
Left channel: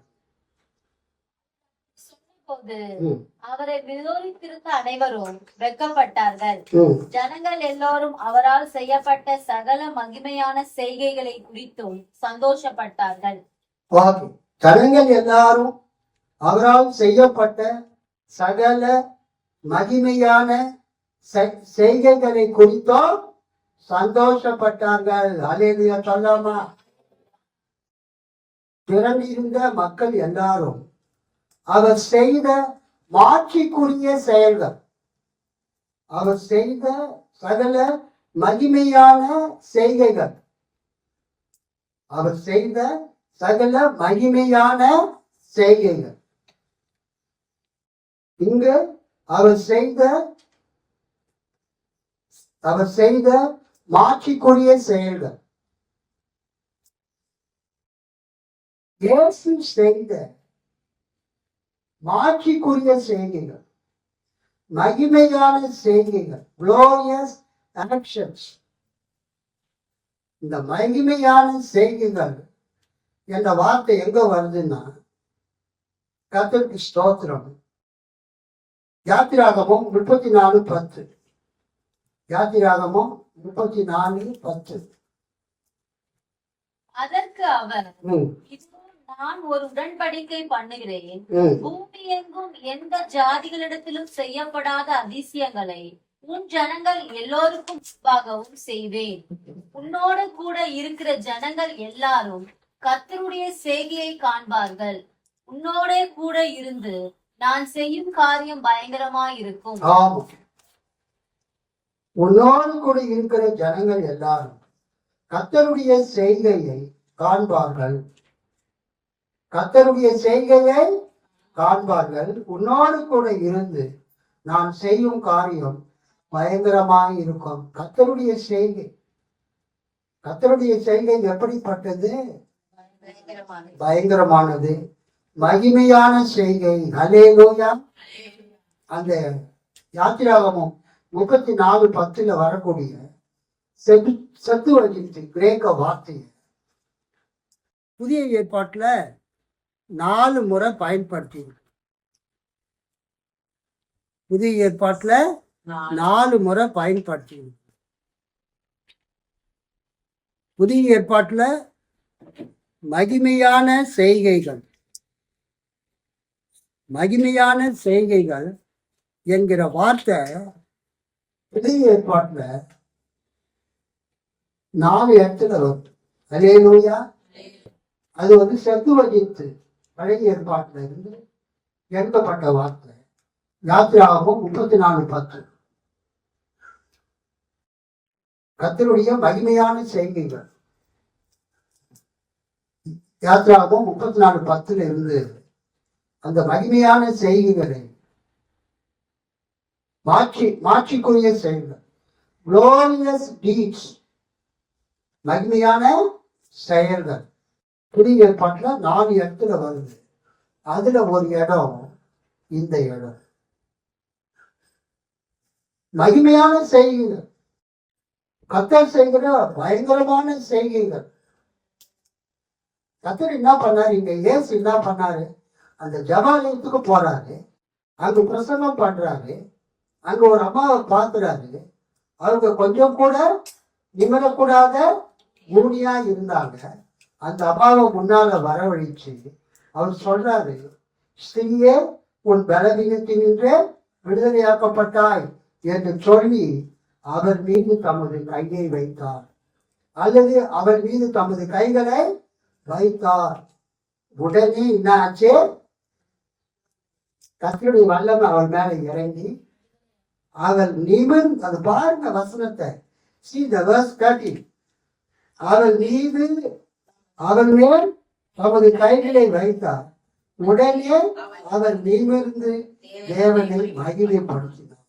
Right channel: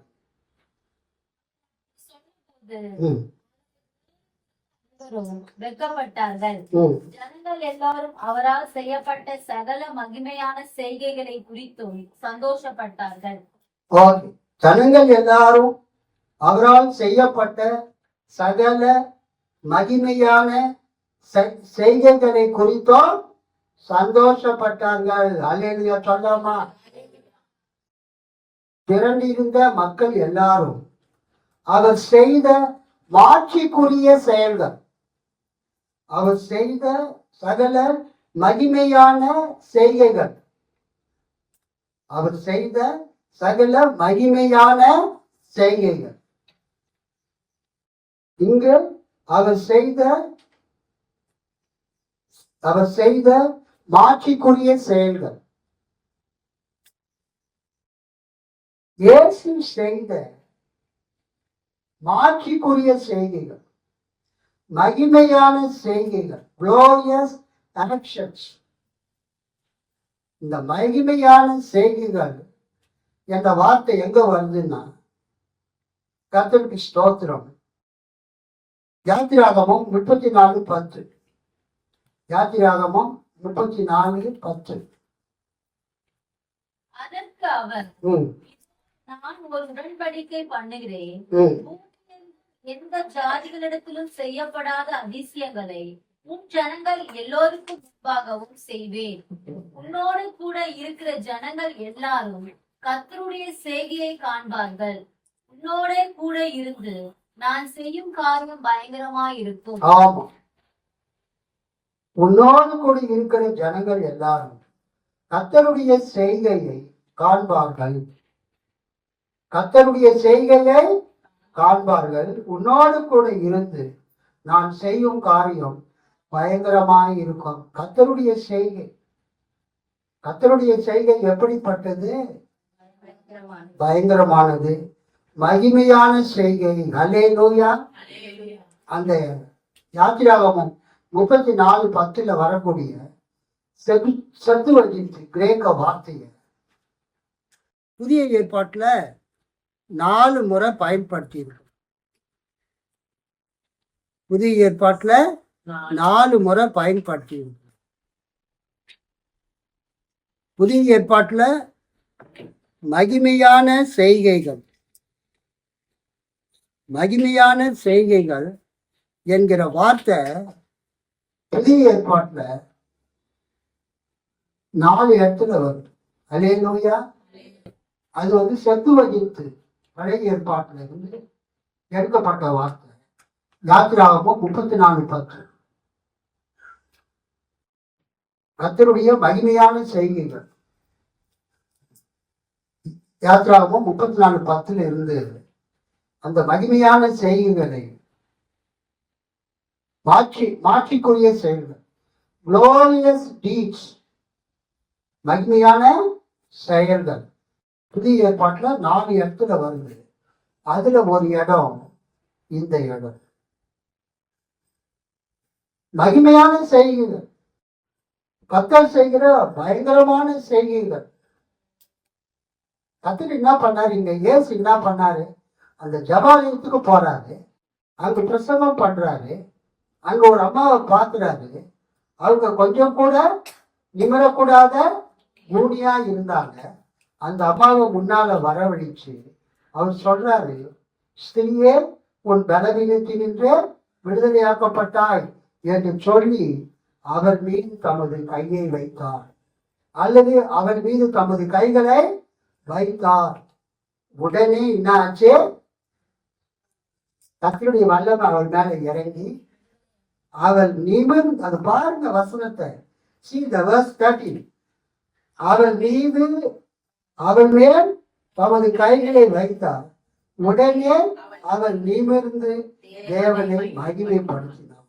அவரை விரோதித்திருந்த அனைவரும் வெட்கப்பட்டார்கள். ஜனங்கள் எல்லோரும் அவரால் செய்யப்பட்ட சகல மகிமையான செய்கைகளை குறித்தும் சந்தோஷப்பட்டார்கள். ஜனங்கள் எல்லாரும் அவரால் செய்யப்பட்ட சகல மகிமையான செய்கைகளை குறித்தும் சந்தோஷப்பட்டார்கள். அல்லேலூயா சொல்லாமா? திரண்டிருந்த மக்கள் எல்லாரும் அவர் செய்த மாட்சிக்குரிய செயல்கள், அவர் செய்த சகல மகிமையான செய்கைகள், அவர் செய்த சகல மகிமையான செய்கைகள், இங்கு அவர் செய்த மாட்சிக்குரிய செயல்கள், இயேசு செய்த மாட்சிக்குரிய செய்கைகள், மகிமையான செய்கைகள், glorious actions. இந்த மகிமையான செய்கைகள் என்ற வார்த்தை எங்க வருதுன்னா, கர்த்தருக்கு ஸ்தோத்திரம். யாத்திராகமம் 34:10. யாத்திராகமம் 34:10. அதற்கு அவர், நான் ஒரு உடன்படிக்கை பண்ணுகிறேன். ம். பூமி எங்கும் எந்த ஜாதிகளிடத்திலும் செய்யப்படாத அதிசயங்களை உன் ஜனங்கள் எல்லோருக்கும் முன்பாகவும் செய்வேன். உன்னோடு கூட இருக்கிற ஜனங்கள் எல்லாரும் கர்த்தருடைய செய்கையை காண்பார்கள். உன்னோடே கூட இருந்து நான் செய்யும் காரியம் பயங்கரமாயிருக்கும். ஆமா, உன்னோடு கூட இருக்கிற ஜனங்கள் எல்லாரும் கர்த்தருடைய செய்கையை காண்பார்கள். கர்த்தருடைய செய்கையை காண்பார்கள். உன்னோடு கூட இருந்து நான் செய்யும் காரியம் பயங்கரமாக இருக்கும். கர்த்தருடைய செய்கை, கர்த்தருடைய செய்கை எப்படிப்பட்டது? பயங்கரமானது, மகிமையான செய்கை. ஹல்லேலூயா. அந்த யாத்திராகமம் 34:10 வரக்கூடிய செத்துவஜித்து கிரேக்க வார்த்தையை புதிய ஏற்பாட்டுல 4 முறை பயன்படுத்தி இருக்கு. புதிய ஏற்பாட்டுல 4 முறை பயன்படுத்தி இருக்கு. புதிய ஏற்பாட்டுல மகிமையான செய்கைகள், மகிமையான செய்கைகள் என்கிற வார்த்தை புதிய ஏற்பாட்டுல 4 இடத்துல வருது. ஹல்லேலூயா. அது செத்துவஜித்து பழைய ஏற்பாட்டுல இருந்து எடுக்கப்பட்ட வார்த்தை. யாத்திராகமம் 34:10. கர்த்தருடைய மகிமையான செய்கைகள். யாத்திராகமம் 34:10 இருந்து அந்த மகிமையான செய்கைகளை மாற்றிக்குரிய செயல்கள், glorious deeds, மகிமையான செயல்கள் புதிய ஏற்பாட்டுல 4 இடத்துல வருது. அதுல ஒரு இடம் இந்த இடம். மகிமையான செய்கைகள், கர்த்தர் செய்கிற பயங்கரமான செய்கைகள். கர்த்தர் என்ன பண்ணாரு? இங்க இயேசு என்ன பண்ணாரு? அந்த ஜெபாலயத்துக்கு போறாரு, அங்க பிரசங்கம் பண்றாரு. அங்க ஒரு அம்மாவை பார்க்கிறாரு. அவங்க கொஞ்சம் கூட நிமிரக்கூடாத மூடியா இருந்தாங்க. அந்த அம்மாவை முன்னால வரவழைச்சு அவர் சொல்றாரு, ஸ்திரியே, உன் பலவீனத்தினின்றே விடுதலையாக்கப்பட்டாய் என்று சொல்லி அவர் மீது தமது கையை வைத்தார், அல்லது அவர் மீது தமது கைகளை வைத்தார். உடனே என்ன ஆச்சு? கர்த்தருடைய வல்லமை அவள் மேல இறங்கி அவள் நிமிர்ந்து, அது பாருங்க வசனத்தை, see the verse 30. அவள் மீது, அவள் மேல் தமது கைகளை வைத்தார். உடனே அவள் நிமிர்ந்து தேவனை மகிமைப்படுத்தினார்.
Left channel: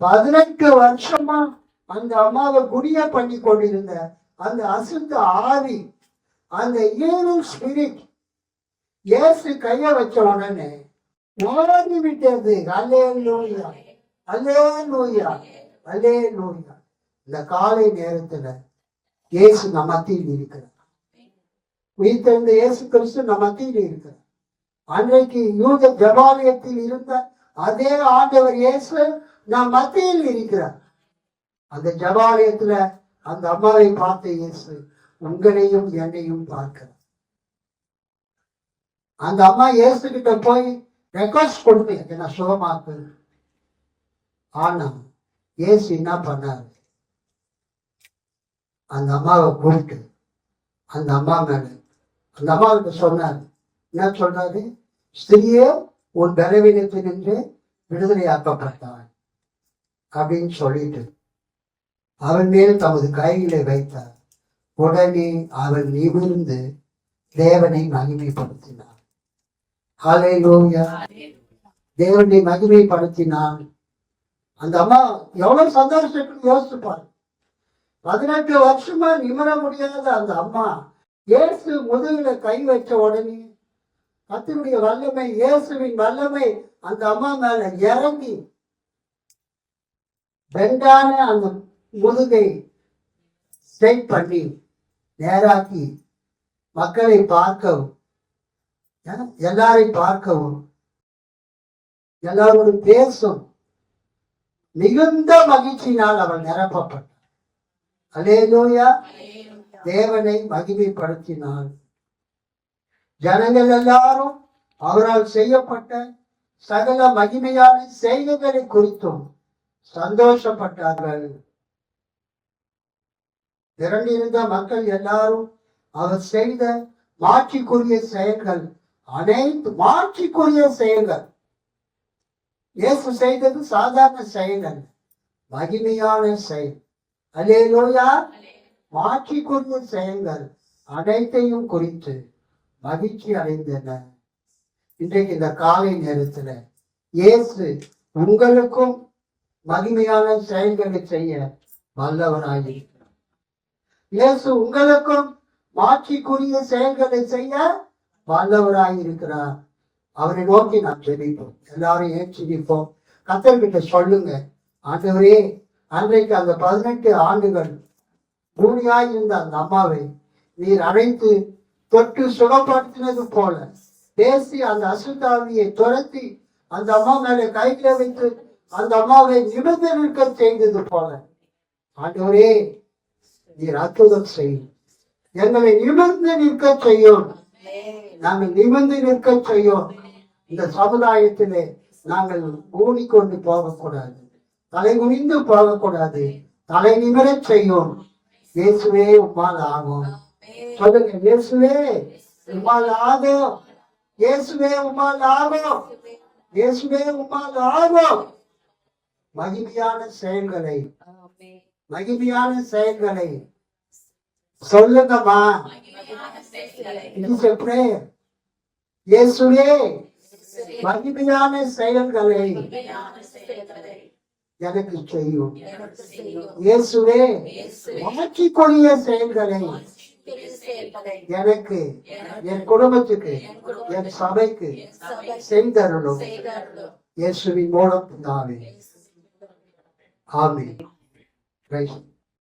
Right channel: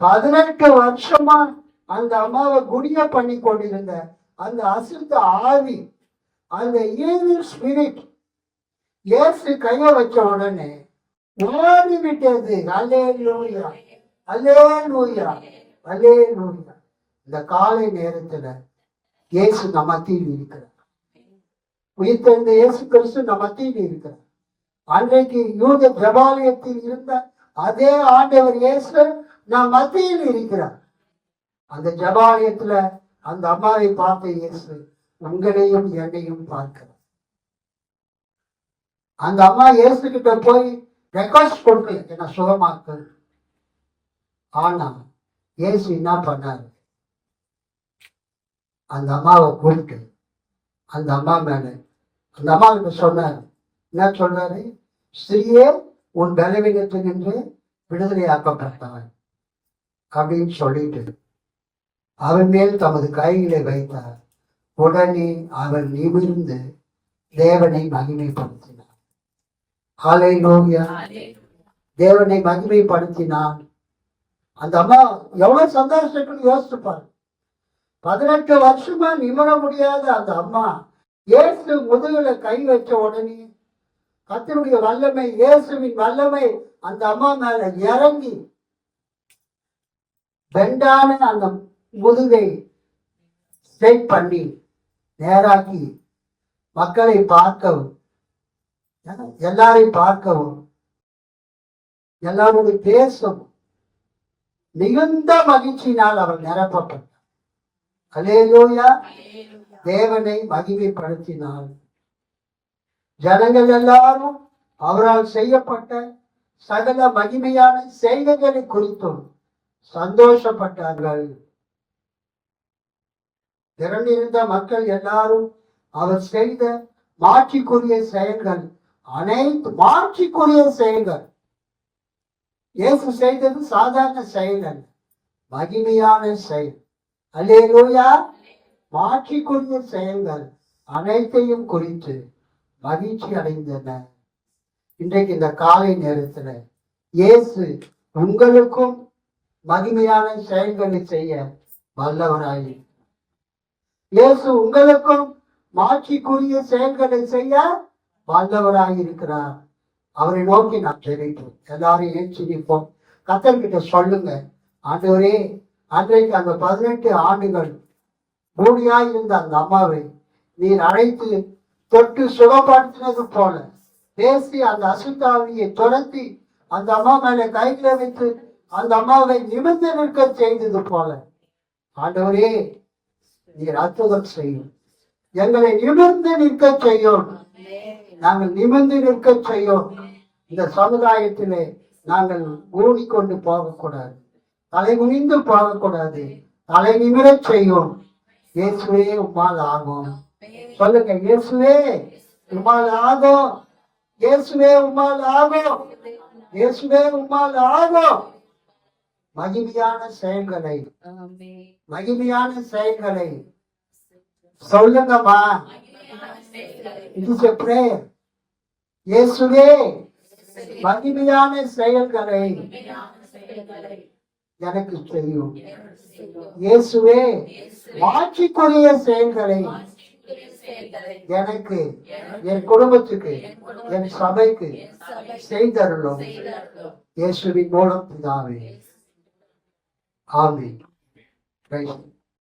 18 வருஷமா அந்த அம்மாவை குடிய பண்ணி கொண்டிருந்த அந்த அசுத்த ஆவி, அந்த ஈவில் ஸ்பிரிட் இயேசு கைய வச்ச உடனே ஓடிவிட்டது. அல்லேலூயா, அல்லேலூயா, அல்லேலூயா. இந்த காலை நேரத்துல இயேசு நம் மத்தியில் இருக்கிறார். உயிர்த்தெழுந்த இயேசு கிறிஸ்து நம் மத்தியில் இருக்கிறார். அன்றைக்கு யூத ஜெபாலயத்தில் இருந்த அதே ஆண்டவர் இயேசு நம் மத்தியில் இருக்கிறார். அந்த ஜெபாலயத்துல அந்த அம்மாவை பார்த்த இயேசு உங்களையும் என்னையும் பார்க்கிறார். அந்த அம்மா இயேசு கிட்ட போய் ரெக்வஸ்ட் கொடுக்கல, என்ன சுகமாக்கு. ஆனா இயேசு என்ன பண்ணாரு? அந்த அம்மாவை கூப்பிட்டு அந்த அம்மா மேல, அந்த அம்மாவுக்கு சொன்னாரு, என்ன சொல்றாரு? ஸ்திரியே, உன் பலவீனத்தினின்று விடுதலையாக்கப்பட்டாய் அப்படின்னு சொல்லிட்டு அவன் மேல் தமது கைகளை வைத்தார். உடனே அவன் நிமிர்ந்து தேவனை மகிமைப்படுத்தினார். ஹல்லேலூயா. தேவனை மகிமைப்படுத்தினான். அந்த அம்மா எவ்வளவு சந்தோஷப்பட்டு யோசிச்சுப்பார். 18 வருஷமா நிமிர முடியாத அந்த அம்மா இயேசு முதுகுல கை வச்ச உடனே கர்த்தருடைய வல்லமை, இயேசுவின் வல்லமை அந்த அம்மா மேல இறங்கி பெண்டான அந்த முதுகை ஸ்ட்ரெயிட் பண்ணி நேராக்கி மக்களை பார்க்கவும், எல்லாரையும் பார்க்கவும், எல்லாரோடு பேசும் மிகுந்த மகிழ்ச்சியினால் அவள் நிரப்பப்பட்டார். அல்லேலூயா. தேவனை மகிமைப்படுத்தினாள். ஜனங்கள் எல்லாரும் அவரால் செய்யப்பட்ட சகல மகிமையான செய்கைகளை குறித்தும் சந்தோஷப்பட்டார்கள். திரண்டிருந்த மக்கள் எல்லாரும் அவர் செய்த மாட்சிக்குரிய செயல்கள், அனைத்து மாட்சிக்குரிய செயல்கள், இயேசு செய்தது சாதாரண செயல்கள், மகிமையான செயல், அல்லேலூயா, மாட்சிக்குரிய செயல்கள் அனைத்தையும் குறித்து மகிழ்ச்சி அடைந்தனர். இன்றைக்கு இந்த காலை நேரத்துல இயேசு உங்களுக்கும் மகிமையான செயல்களை செய்ய வல்லவராயிருக்கிறார். இயேசு உங்களுக்கும் மாட்சிக்குரிய செயல்களை செய்ய வல்லவராயிருக்கிறார். அவரை நோக்கி நாம் ஜெபிப்போம். எல்லாரும் ஏற்றி நிற்போம். கர்த்தர்கிட்ட சொல்லுங்க, ஆண்டவரே, அன்றைக்கு அந்த 18 ஆண்டுகள் பூமியாய் இருந்த அந்த அம்மாவை நீர் அழைத்து தொட்டு சுகப்படுத்தினது போல பேசி அந்த அசுத்தாவியை துரத்தி அந்த அம்மா மேல கைகளை வைத்து அந்த அம்மாவை நிமிர்ந்து நிற்க செய்தது போல ஆண்டவரே நீர் அற்புதம் செய்யும். எங்களை நிமிர்ந்து நிற்க செய்யும். நாங்கள் நிமிர்ந்து நிற்க செய்யும். இந்த சமுதாயத்திலே நாங்கள் ஊடிக்கொண்டு போகக்கூடாது, தலை குனிந்து போகக்கூடாது, தலை நிமிரச் செய்யும். இயேசுவே உம்மால் ஆகும். சொல்லுங்க, இயேசுவே உம்மால் ஆகும். இயேசுவே உம்மால் ஆகும். இயேசுவே உம்மால் ஆகும். மகிமையான செயல்களை, மகிமையான செயல்களை சொல்லுங்கம்மா. இது சொல்றே, இயேசுவே மகிமையான செயல்களை எனக்கு செய்யும். இயேசுவே மாட்சிக்குரிய செயல்களை எனக்கு, என் குடும்பத்துக்கு, என் சபைக்கு செய்தருளும். இயேசுவின் மூலம் பிதாவே, ஆமென்.